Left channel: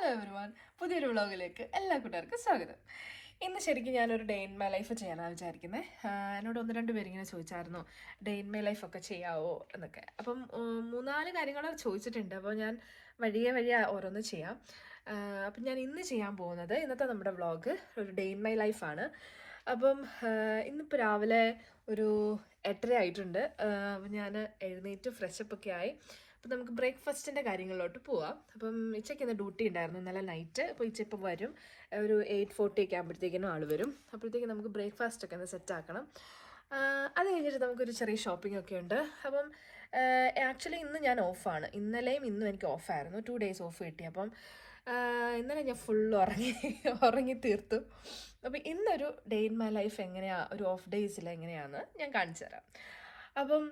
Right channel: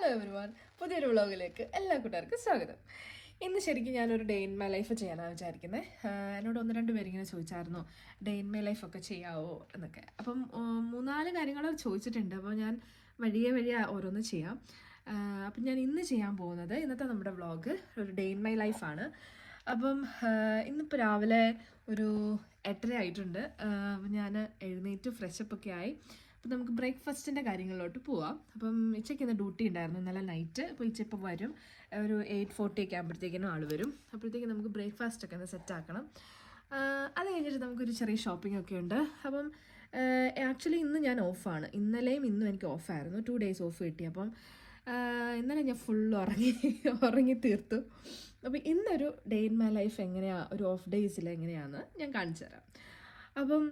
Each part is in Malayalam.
ഹലോ എവരിവൺ, പുതിയൊരു വ്ളോഗിലേക്ക് എല്ലാ കൂട്ടുകാർക്കും സ്വാഗതം. ഇന്ന് ശരിക്കും ഞാനൊരു ഡേ ഇൻ മൈ ലൈഫ് ചെയ്യാനാണ് വിചാരിക്കുന്നത്. എന്നോട് 1-2 പേരിങ്ങനെ ചോദിച്ചായിരുന്നു ഡേ ഇൻ മൈ ലൈഫൊക്കെ ചെയ്യാവോ എന്നൊക്കെ. അപ്പം 3-4 കാര്യങ്ങൾ ചോദിച്ചിട്ടുണ്ട്. അപ്പോൾ ഞാൻ വഴിയെ ഓരോന്ന് ചെയ്യാം. അപ്പം ഞാൻ ഇന്ന് ചെയ്യാൻ പോകുന്നത്, ഇന്നത്തെ നമ്മുടെ വ്ളോഗ് ഒരു ഡേ ഇൻ മൈ ലൈഫാണ്. അപ്പം ഇന്നിപ്പോൾ രാവിലെ ഒരു 8:30 ആയിട്ടുണ്ട്. അപ്പം ഞാൻ എഴുന്നേറ്റ് ഫ്രഷപ്പൊക്കെ ആയി. അപ്പം നമുക്ക് ബ്രേക്ക്ഫാസ്റ്റിൻ്റെ കാര്യങ്ങളിലോട്ട് പോവാം. അപ്പം ഇച്ചയ്ക്ക് ഇന്ന് ഡ്യൂട്ടി ഉണ്ടായിരുന്നു, ഇന്നലെ നൈറ്റ്. അപ്പോൾ ഇച്ച ഇപ്പോൾ വരും, ഒരു 8:40 ഒക്കെ ആകുമ്പോഴത്തേക്കിനും ആൾ വരും. അപ്പോഴത്തേക്കും നമുക്ക് ബ്രേക്ക്ഫാസ്റ്റൊക്കെ ഒന്ന് സെറ്റാക്കണം. അത് കഴിഞ്ഞിട്ട് നമുക്കൊരു ചെറിയ ഷോപ്പിംഗ് ഒക്കെ ഉണ്ട്. അപ്പം ആക്ച്വലി ഇന്ന് ഞാൻ ഓഫാണ്. ഇന്നലെയും ഇന്നും എനിക്ക് ഓഫായിരുന്നു, 2 ഡേയ്സ് ഓഫ് കിട്ടി. അപ്പം ഇന്നലെ ഞാൻ ഫുൾ ഉറങ്ങി തീർത്തു. അപ്പോൾ ഇന്നൊരു ഡേ ഇൻ മൈ ലൈഫ് എങ്ങനെയാണ്, ഒരു ഓഫ് ഡേയ്സിൽ എങ്ങനെയാണെന്ന് ഞാൻ കാണിച്ചു തരാം. അപ്പം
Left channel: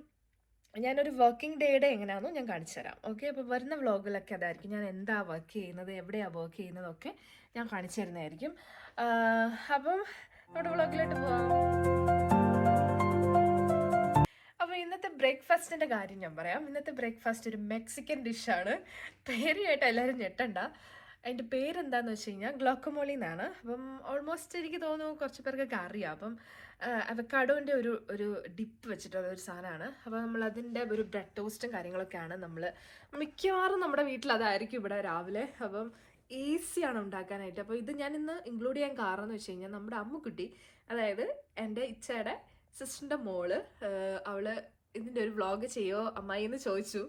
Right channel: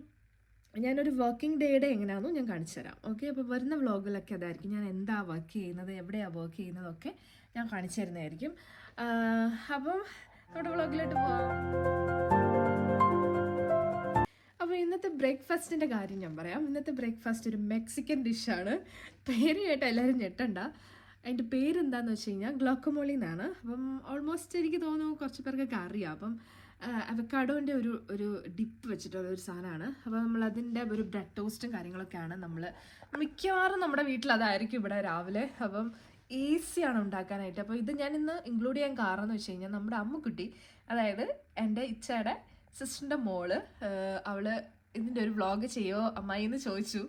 ഞാനൊരു വർക്കിംഗ് ഡേയുടെ എങ്ങനെയാണെന്നും ഞാൻ കാണിച്ചു തരാം. ഓക്കെ, അപ്പോൾ വരുന്ന വ്ളോഗിലൊക്കെ അതായിരിക്കും. ഞാൻ എന്താ വർക്ക് ചെയ്യുന്നത്, എവിടെയാണ് വർക്ക് ചെയ്യുന്നതൊക്കെ ഞാൻ കാണിച്ചു തരുന്നതായിരിക്കും. അപ്പം നമ്മുടെ വ്ളോഗിലോട്ട് പോവാം. അപ്പോൾ ഇന്നത്തെ ബ്രേക്ക്ഫാസ്റ്റിൻ്റെ കാര്യം ഞാൻ പറയാം. ഇന്നത്തെ ബ്രേക്ക്ഫാസ്റ്റ് ഒരു മെക്സിക്കൻ ഡിഷാണ്. പേരുമായിട്ട് എല്ലാവരും ഞെട്ടണ്ട. അതിൻ്റെ പേരെന്താണെന്ന് വെച്ച് കഴിഞ്ഞാൽ ഗ്ലോക്കമോളി എന്നാണ്. അപ്പം ഓൾമോസ്റ്റ് എനിക്ക് തോന്നുന്നു കുറച്ച് പേർക്കൊക്കെ അറിയാം. അപ്പം അവക്കാഡോൻ്റെ ഒരു ഡിപ്പ് വെച്ചിട്ടുള്ള ഒരു സാധനമാണ്. അപ്പോൾ നമ്മൾ അതിൻ്റെ ഒരു ബ്രെഡ് ടോസ്റ്റും കാര്യങ്ങളൊക്കെയാണ് നമ്മൾ മിക്കവാറും നമ്മുടെ വീട്ടിൽ അതായിരിക്കും ഇവിടെ രാവിലെ. അപ്പം ഈസിയാണ് ഉണ്ടാക്കാനായിട്ട്. അപ്പോൾ ഇത് ഞാൻ ഇന്ന് ഇൻക്ലൂഡ് ചെയ്യാൻ കാരണം എന്ന് വെച്ച് കഴിഞ്ഞാൽ നമ്മുടെ അമ്മുക്കുട്ടി, അതായത് എൻ്റെ ഇച്ചയുടെ സിസ്റ്ററിൻ്റെ മോള്, അവള് ഇതിൻ്റെ ഒരു വ്ളോഗ് ചെയ്യോ അമ്മായി എന്ന് ചോദിച്ചു.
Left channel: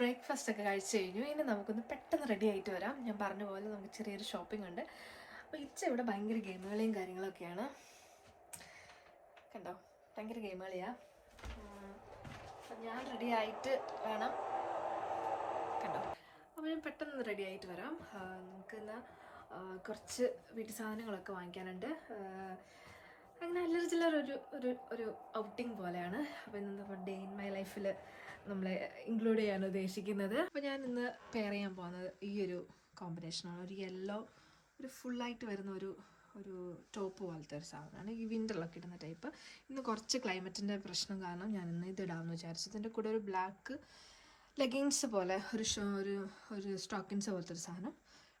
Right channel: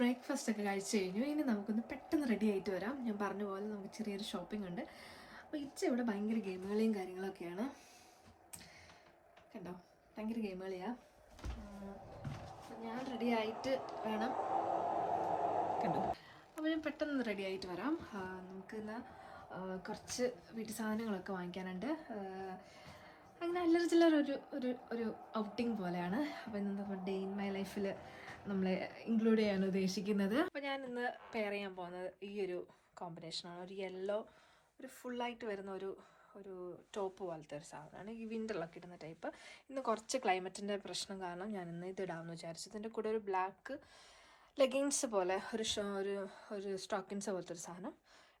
ബ്രേക്ക്ഫാസ്റ്റ് ഒക്കെ കഴിച്ച് കഴിഞ്ഞു. ഇനി നമുക്കൊന്ന് പെട്ടെന്ന് റെഡി ആയിട്ട് വരാം. ഞാൻ പറഞ്ഞ പോലെ നമുക്ക് ചെറിയൊരു ഷോപ്പിംഗ് ഉണ്ട്. അപ്പോൾ ഇച്ച ഇവിടെ ഭയങ്കര ഗെയിമുകളെയും കാര്യങ്ങളൊക്കെയാണ്. കണ്ടോ, ഭയങ്കര ഗെയിം കളിയാണ്. ഞാൻ റെഡി ആയിട്ട് വേണം. കണ്ടോ, അപ്പോൾ ഞാൻ പെട്ടെന്ന് റെഡി ആയിട്ട് വരാം. നമുക്ക് ഇന്ന് കുറച്ച് വീട്ടു സാധനങ്ങളൊക്കെ വാങ്ങിക്കാനുണ്ട്. അങ്ങനെ അല്ലറ ചില്ലറ ഒരു ഔട്ടിങ് പോലെയാണ്. അപ്പോൾ ഇന്ന് നമ്മൾ ഡേ ഇൻ മൈ ലൈഫിൽ നമ്മളെ ഇൻക്ലൂഡ് ചെയ്യാൻ ഉദ്ദേശിക്കുന്നത്. അപ്പോൾ ഞാൻ ഇന്ന് പെയർ ചെയ്യാൻ പോകുന്നത് ഈ ഒരു കോമ്പിനേഷനാണ്. ഒരു യെല്ലോ, ഒരു ഫുള്ളായിട്ട് വരുന്ന ഒരു ടോപ്പ് പോലത്തെ ഒരു സാധനമാണ്. ഈ വിൻ്ററിലൊക്കെ ഇടുന്ന ടൈപ്പ്. ഇന്ന് കുറച്ച് ക്ലൈമറ്റിൻ്റെ പ്രശ്നം കാരണം ഞാൻ ഇന്ന് ഇത് ഇടാമെന്ന് വിചാരിച്ചു. ഇതിൻ്റെ കൂടെ ഒരു ബ്ലാക്ക് ലെഗിൻസ് പോലെ ഒരു സ്റ്റോക്കിൻസ് പോലത്തെ ഒരു സാധനം.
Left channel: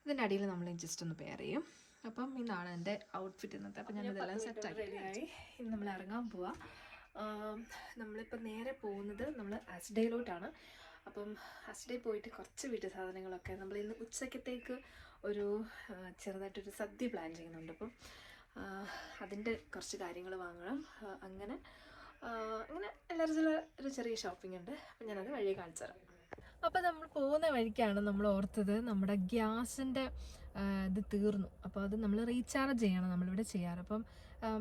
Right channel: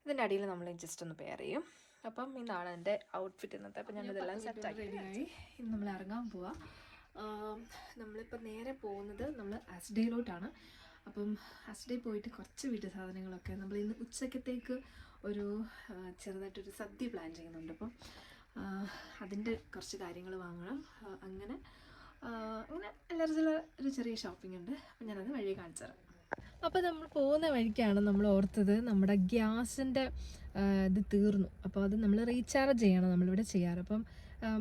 ഇതിൻ്റെ അടിയിൽ നമ്മൾ ജസ്റ്റ് ഒന്ന് പെയർ ചെയ്യും. അപ്പം ഇതാണ് എൻ്റെ ഔട്ട്ഫിറ്റ് ഇന്നത്തെ. അപ്പം ഞാനിതെല്ലാം സെറ്റാക്കി റെഡിയായി. ഇന്ന് നമ്മൾ ഇറങ്ങാൻ പോവാം. നമ്മളിപ്പോൾ നേരെ പോകുന്നത് നമ്മൾ ആസ്ഡേയിലോട്ടാണ്. അപ്പം ഫസ്റ്റ് ഡേ പോയിട്ട് കുറച്ച് വീട്ടു സാധനങ്ങളൊക്കെ നമ്മൾ ഇന്ന് ഉച്ചക്കത്തേക്ക് ഒരു ചെറുതായിട്ടൊരു സദ്യ പ്ലാൻ ചെയ്യുന്നുണ്ട്. അപ്പം അതിൻ്റെ കുറച്ച് കാര്യങ്ങൾ വാങ്ങണം. അങ്ങനെ എല്ലാവരും ഒരു ചെറിയ ഷോപ്പിംഗ് ഉണ്ട്. അപ്പം ഞാനത് വഴിയെ കാണിച്ചു തരാം. അപ്പോൾ നമ്മൾ പോകുന്ന വഴിക്കാണ് നമ്മൾ ഓർത്തത് നമ്മുടെ ഗ്യാസിൻ്റെ ഇത് തീർന്നു. അപ്പോൾ അത് നമ്മൾ റീചാർജ് ചെയ്യണം നമ്മളിവിടെ ചെയ്യാറ്. അപ്പം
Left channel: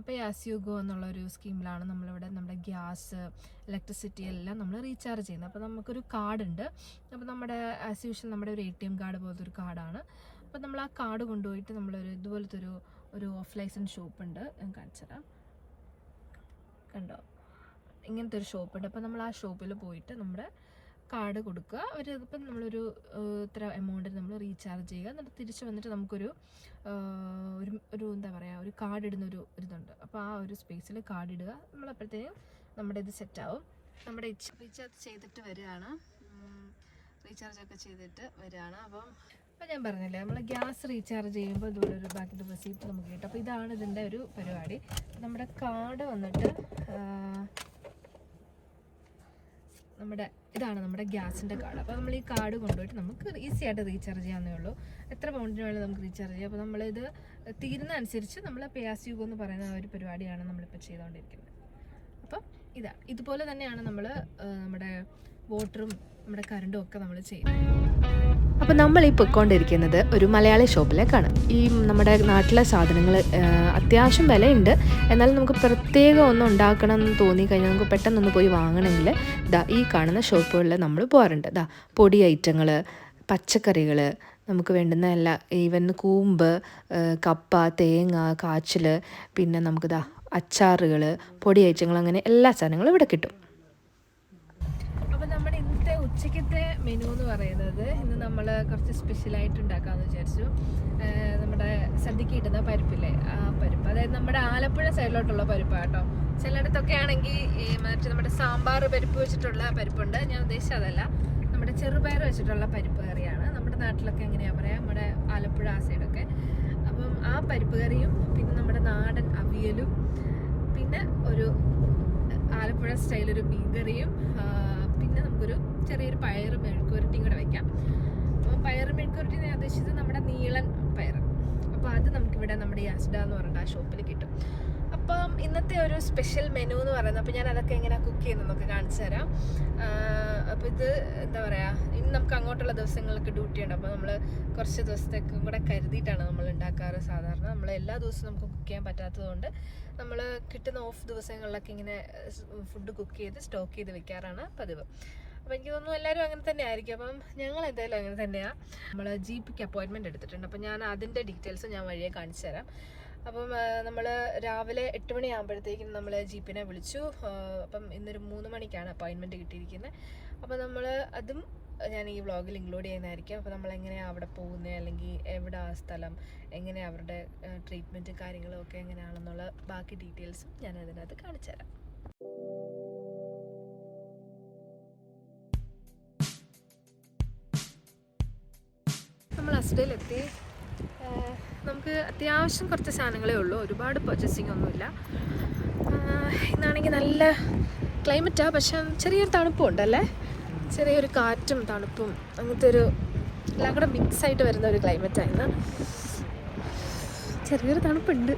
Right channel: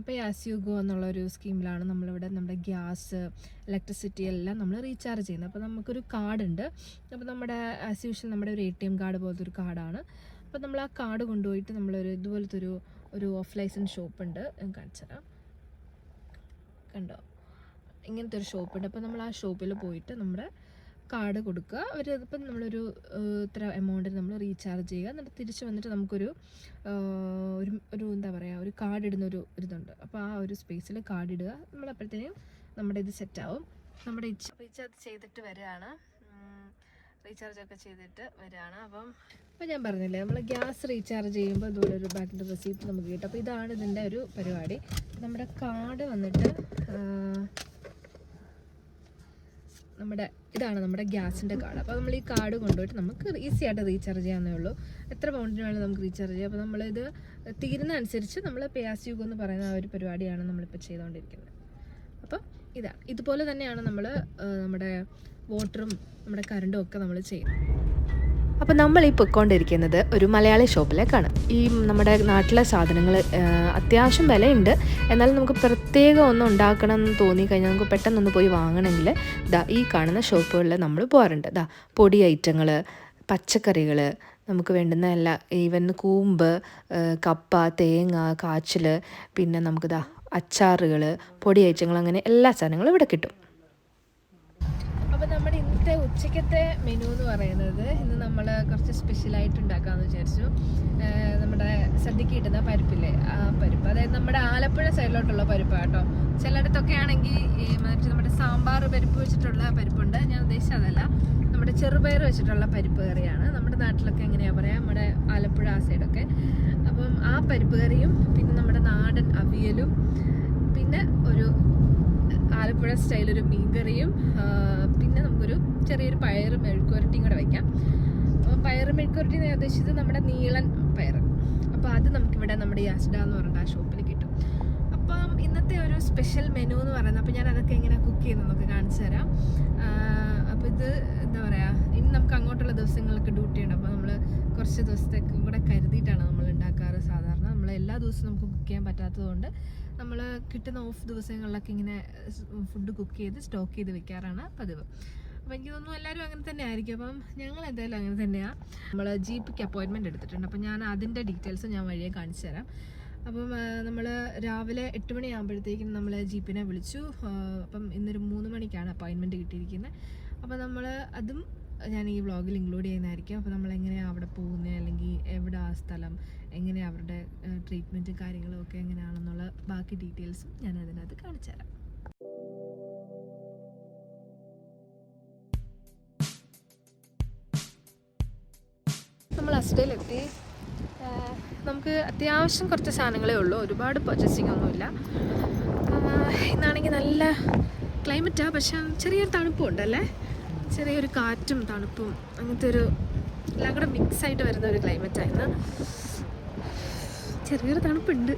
പേ ആസ് യു ഗോ എന്നുള്ളൊരു സ്കീമിലാണ് നമ്മളിവിടെ നമ്മുടെ ഗ്യാസ്, ഇലക്ട്രിസിറ്റി എല്ലാം നമ്മൾ റീചാർജ് ചെയ്യുന്നത്. അപ്പോൾ നമുക്കൊരു കാർഡുണ്ട്. അപ്പോൾ നമ്മുടെ ആസ് യൂഷ്വൽ നമ്മുടെ ഒരു ATM കാർഡ് പോലത്തെ ഒരു കാർഡാണ്. അപ്പോൾ നമ്മൾ ആ കാർഡ് കൊണ്ടുപോയിട്ട് നമ്മളൊരു ഇതുപോലത്തെ ഒരു ഓഫ് ലൈസൻസ് ഷോപ്പുണ്ട്, ഞാൻ കാണിച്ചു തരാം. കണ്ടോ, ഇങ്ങനത്തെ ഒരു ഷോപ്പുണ്ട്. അപ്പോൾ നമ്മൾ ആ ഷോപ്പിൽ പോയിട്ട് നമ്മുടെ കാർഡ് കൊടുക്കുക. ഇപ്പം നമ്മളൊരു ഇത്ര എമൗണ്ടിന് നമ്മൾ റീചാർജ് ചെയ്യുക. എന്നിട്ട് തിരിച്ച് വന്നിട്ട് നമുക്കൊരു എന്താ പറയുക, ഒരു കാർഡ് ഇടുന്നൊരു ഇതുണ്ട്. അപ്പോൾ ആ ഒരു സ്പേസിൽ കാർഡ് ഇടുക. നമ്മളപ്പോഴത്തേനും നമ്മുടെ ഇത് സെറ്റാവും. നമ്മുടെ റീചാർജ് ചെയ്തിട്ട് വരികയാണ്, റീചാർജൊക്കെ ചെയ്തിട്ട് വരികയാണ്. അപ്പോൾ ഞാൻ പറഞ്ഞില്ലേ, നമ്മൾ ഗ്യാസ് റീചാർജ് ചെയ്യുമ്പോൾ ഇതുപോലെ ഒരു ബാക്കിൻ്റെ റെസീപ്റ്റ് നമുക്ക് കിട്ടും. അപ്പോൾ ഇതാണ് ഇതിൻ്റെ ഒരു പരിപാടി. നമ്മുടെ കാർഡ് വന്നിട്ട് ഇതാണ് നമ്മുടെ ഗ്യാസിൻ്റെ കാർഡ്. അപ്പോൾ നമ്മൾ ഈ കാർഡ് കൊണ്ടുപോയിട്ട് നമുക്ക് ഈസി ആയിട്ട് റീചാർജ് ചെയ്യാവുന്നേ ഉള്ളൂ. എത്ര പൗണ്ടിന് വേണമെങ്കിലും നമുക്ക് റീചാർജ് ചെയ്യാം. അപ്പോൾ നമ്മളിത് തീരുന്ന അനുസരിച്ച് നമ്മൾ പേ ആസ് യു ഗോ എന്ന് പറയുന്ന ആ ഒരു പരിപാടിയാണ് നമ്മളിപ്പോൾ ചെയ്തുകൊണ്ടിരിക്കുന്നത്. അപ്പോൾ ഇതുപോലെ തന്നെയാണ് നമ്മൾ നമ്മുടെ വാട്ടറും നമ്മുടെ കറണ്ടും ഒക്കെ നമ്മൾ ചെയ്യുന്നത്. അപ്പോൾ നമ്മൾ ഈ പൊയ്ക്കൊണ്ടിരിക്കുന്നത് ഒരു മലയാളി ഷോപ്പിലേക്കാണ്. ഈ നമ്മുടെ നാട്ടിലെ സാധനങ്ങൾ അത്യാവശ്യം വിലയുണ്ട്, എന്നാലും നമുക്ക് പ്രത്യേകം ഒന്നും ഉണ്ടാക്കണം എന്ന് തോന്നിക്കഴിഞ്ഞാൽ നമുക്ക് പെട്ടെന്നൊന്ന് പോയി വാങ്ങണമെങ്കിൽ ഈ കാണുന്ന ഷോപ്പുകളിൽ നമ്മൾ പോകാറുണ്ട്. പൊടി ഐറ്റങ്ങൾ, പച്ചക്കറികൾ, നമുക്ക് വേണ്ടുന്ന എല്ലാ, ഈവൻ കൂമ്പ്, കപ്പ, തേങ്ങ, കാച്ചിൽ, പിന്നെ നമുക്ക് അച്ചാറുകൾ, പൊടി ഐറ്റങ്ങൾ, അങ്ങനെ എല്ലാ സാധനങ്ങളും ഇവിടെ കിട്ടും. അപ്പോൾ നമ്മുടെ ഇന്നത്തെ ഉച്ചക്കത്തെ മെനു എന്ന് പറയുന്നത്, ഇന്ന് നമ്മൾ കുറച്ച് സ്പെഷ്യലായിട്ട് ഉണ്ടാക്കാമെന്ന് വിചാരിച്ചു. നമ്മുടെ സദ്യക്ക് കിട്ടുന്ന പരിപ്പില്ലേ, ആ പരിപ്പ്, അതായത് നമ്മുടെ ആലപ്പുഴ സൈഡിലോട്ടുള്ള പരിപ്പാണ് കേട്ടോ. ചിലയിടത്തൊക്കെ ആണെങ്കിൽ മറ്റേ നമ്മുടെ സാമ്പാർ പരിപ്പ് വെച്ചിട്ടുള്ള പരിപ്പുണ്ട്. ഞാൻ ഉദ്ദേശിച്ചത് അതല്ല, നമ്മുടെ ചെറുപയർ വെച്ചിട്ടുള്ള പരിപ്പ് കറിയാണ്. നമ്മുടെ നാട്ടിലൊക്കെ എങ്ങനെയാ പറയാ, നമ്മുടെ ആലപ്പുഴ ആ സൈഡൊക്കെ. അപ്പം ആ പരിപ്പ് കറിയും പിന്നെ നമ്മുടെ നാടൻ അവിയലും പിന്നെ ഒരു ആലപ്പുഴ സ്റ്റൈലൊരു മീൻകറിയും പിന്നെ നമുക്കൊരു ചെറിയൊരു പയറ് മെഴുക്കുവരട്ടിയും കൂടെ വയ്ക്കാം. അപ്പം പയറ് മെഴുക്കുവരട്ടി ഞാൻ ഉദ്ദേശിച്ചത് നമ്മുടെ നീളൻ പയർ. അപ്പോൾ അത് നമുക്കിവിടെ നമ്മുടെ ഈ അസ്ഡ എന്ന് പറഞ്ഞിട്ട് ആ ഷോപ്പിൽ കിട്ടും. അപ്പം ഇന്നത്തെ ഒരു സ്പെഷ്യൽ മെനു എന്ന് പറയുന്നത്, അപ്പോൾ ഞാൻ അതൊക്കെ എങ്ങനെ കുക്ക് ചെയ്യുന്നതെന്നൊക്കെ കാണിച്ചു തരാം. അപ്പോൾ ഇത് എന്താ പറയുക, ഇനി നമുക്ക് അങ്ങോട്ടുള്ള ദിവസങ്ങൾക്ക് ഡ്യൂട്ടി ഉണ്ട്. അപ്പോൾ നമ്മൾ കുറച്ച് ദിവസത്തേക്കും കൂടെ കരുതിയിട്ടാണ് നമ്മൾ ഉണ്ടാക്കാറ്. സാധാരണ നമ്മൾ എല്ലാ ദിവസവും നമുക്ക് കുക്ക് ചെയ്യാൻ പറ്റാത്തതുകൊണ്ട് നമ്മൾ കിട്ടുന്ന ഓഫ് ദിവസങ്ങളിലൊക്കെ ഇങ്ങനെ ഫുഡ് കുക്ക് ചെയ്ത് സ്റ്റോക്ക് ചെയ്ത് വെക്കാറാണ് പതിവ്. അപ്പോൾ എനിക്ക് തോന്നുന്നു എല്ലാവരും അങ്ങനെ തന്നെ ആയിരിക്കും. അപ്പം ഞങ്ങൾ എന്തായാലും അങ്ങനെ തന്നെയാണ്. നമ്മൾ GPക്ക് അപ്പോയിൻമെൻറ്റ് എടുത്തിട്ടുണ്ട്. അപ്പം ഞാൻ അതിൻ്റെ ഡീറ്റെയിൽസ് ഞാൻ വഴിയെ കാണിച്ചു തരാം. അപ്പം നമ്മൾ രാവിലെ 8 മണിയാകുമ്പോഴത്തേക്കും നമ്മൾ GPനെ വിളിച്ചു. അപ്പം ഇന്നൊരു 3 മണിക്കാണ് അപ്പോയിൻമെൻറ്റ് കിട്ടിയിരിക്കുന്നത്. അപ്പോൾ നമ്മൾ അതും ഞാൻ ഈ വ്ളോഗിൽ ഇൻക്ലൂഡ് ചെയ്യുന്നതായിരിക്കും. അപ്പോൾ നമ്മൾ എങ്ങനെയാണ് അവിടെ പോകുന്നത്, അല്ലെങ്കിൽ എവിടെ ആ സ്ഥലം, എങ്ങനെ അവരുടെ ട്രീറ്റ്മെൻറ്റ് കാര്യങ്ങളും ഒക്കെ എങ്ങനെയാണെന്നുള്ള ബാക്കി ഡീറ്റെയിൽസും ഞാൻ അതിനകത്ത് കാണിച്ചു തരാം. നമ്മൾ അസ്ഡയിലെത്തി. നമുക്ക് അത്യാവശ്യം കുറച്ച് സാധനങ്ങളേ ഉള്ളൂ, ഒരുപാട് പർച്ചേസിങ് ഒന്നുമില്ല. ഇന്നാണെങ്കിൽ നല്ല ക്ലൈമറ്റാണ്, പക്ഷെ ചെറിയൊരു തണുപ്പും അല്ലേ, ചെറിയൊരു കാറ്റും തണുപ്പും അങ്ങനത്തെ ഒരു എല്ലാം കൂടെ മിക്സായിട്ട് വരുന്ന ഒരു ക്ലൈമറ്റായിരുന്നു. ചെറിയൊരു തണുപ്പുണ്ട്.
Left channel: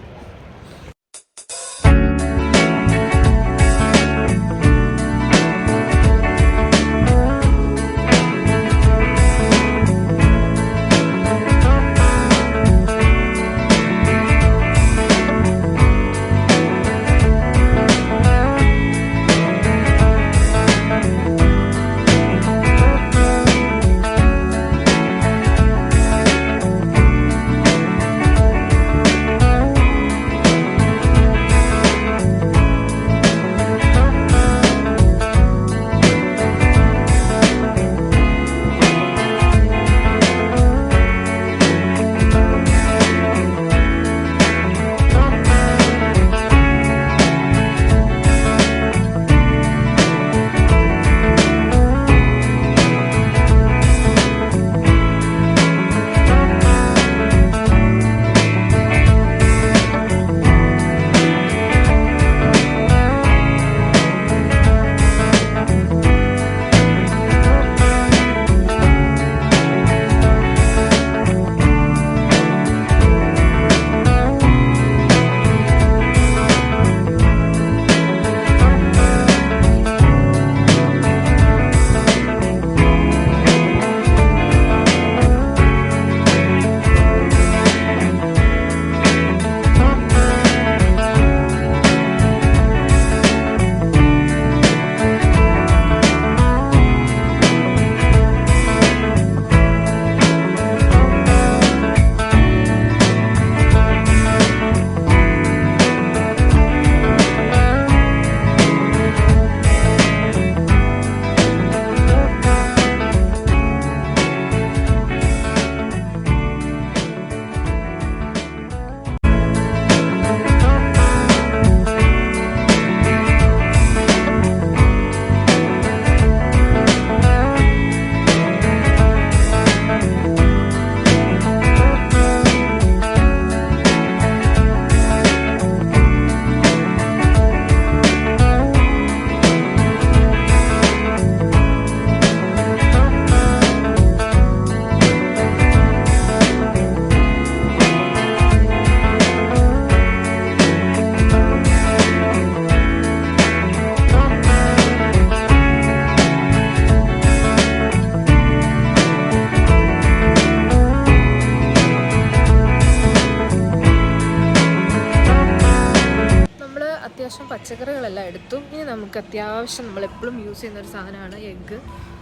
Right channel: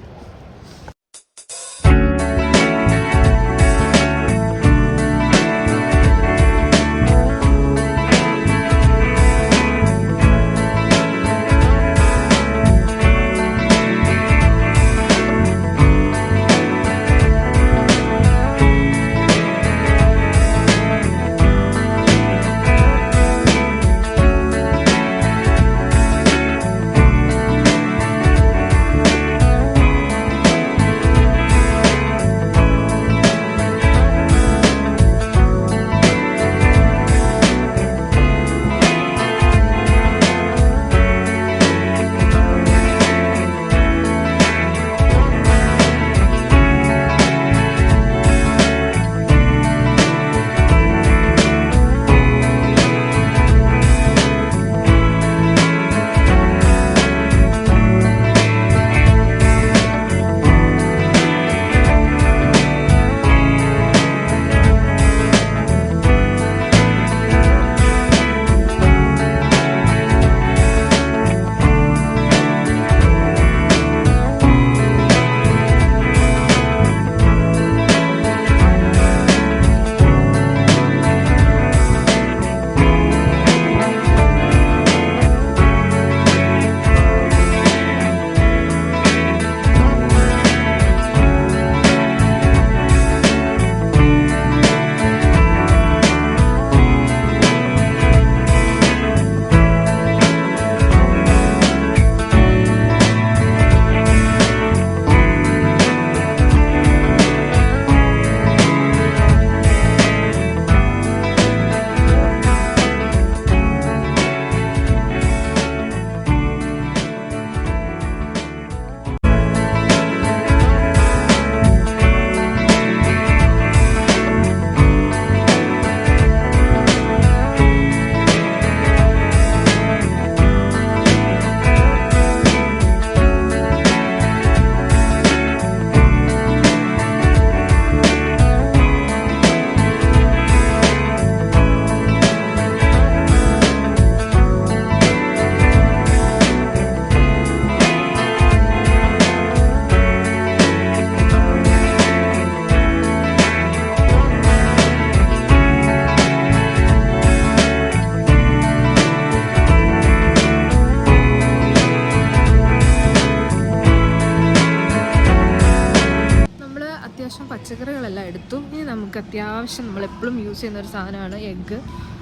പച്ചക്കറികളെല്ലാം എടുത്തു. ഇനി നമുക്ക് അത്യാവശ്യം നമ്മളെപ്പോഴും യൂസ് ചെയ്യുന്ന ഒരു സാധനമാണ് എഗ്ഗ്.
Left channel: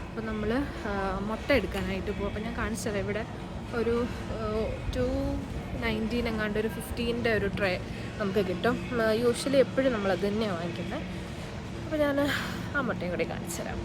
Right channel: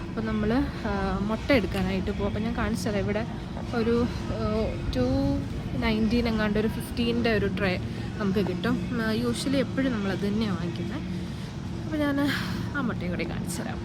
അപ്പോൾ നമ്മൾ മുട്ട എടുക്കാനായിട്ട് പോകും. അപ്പോൾ ഞാൻ കാണിച്ചത് ഇവിടെ ഒരു 219 എങ്ങാണ്ട് ഒരു 15 ഒരു ട്രേ നമുക്ക് കിട്ടും. യൂഷ്വലി എപ്പോഴും നമ്മളത് തന്നെയാണ് വാങ്ങിക്കുന്നത്. അപ്പോൾ ഞാൻ ആ മുട്ടയും കൂടി കാണിച്ചു തരാം.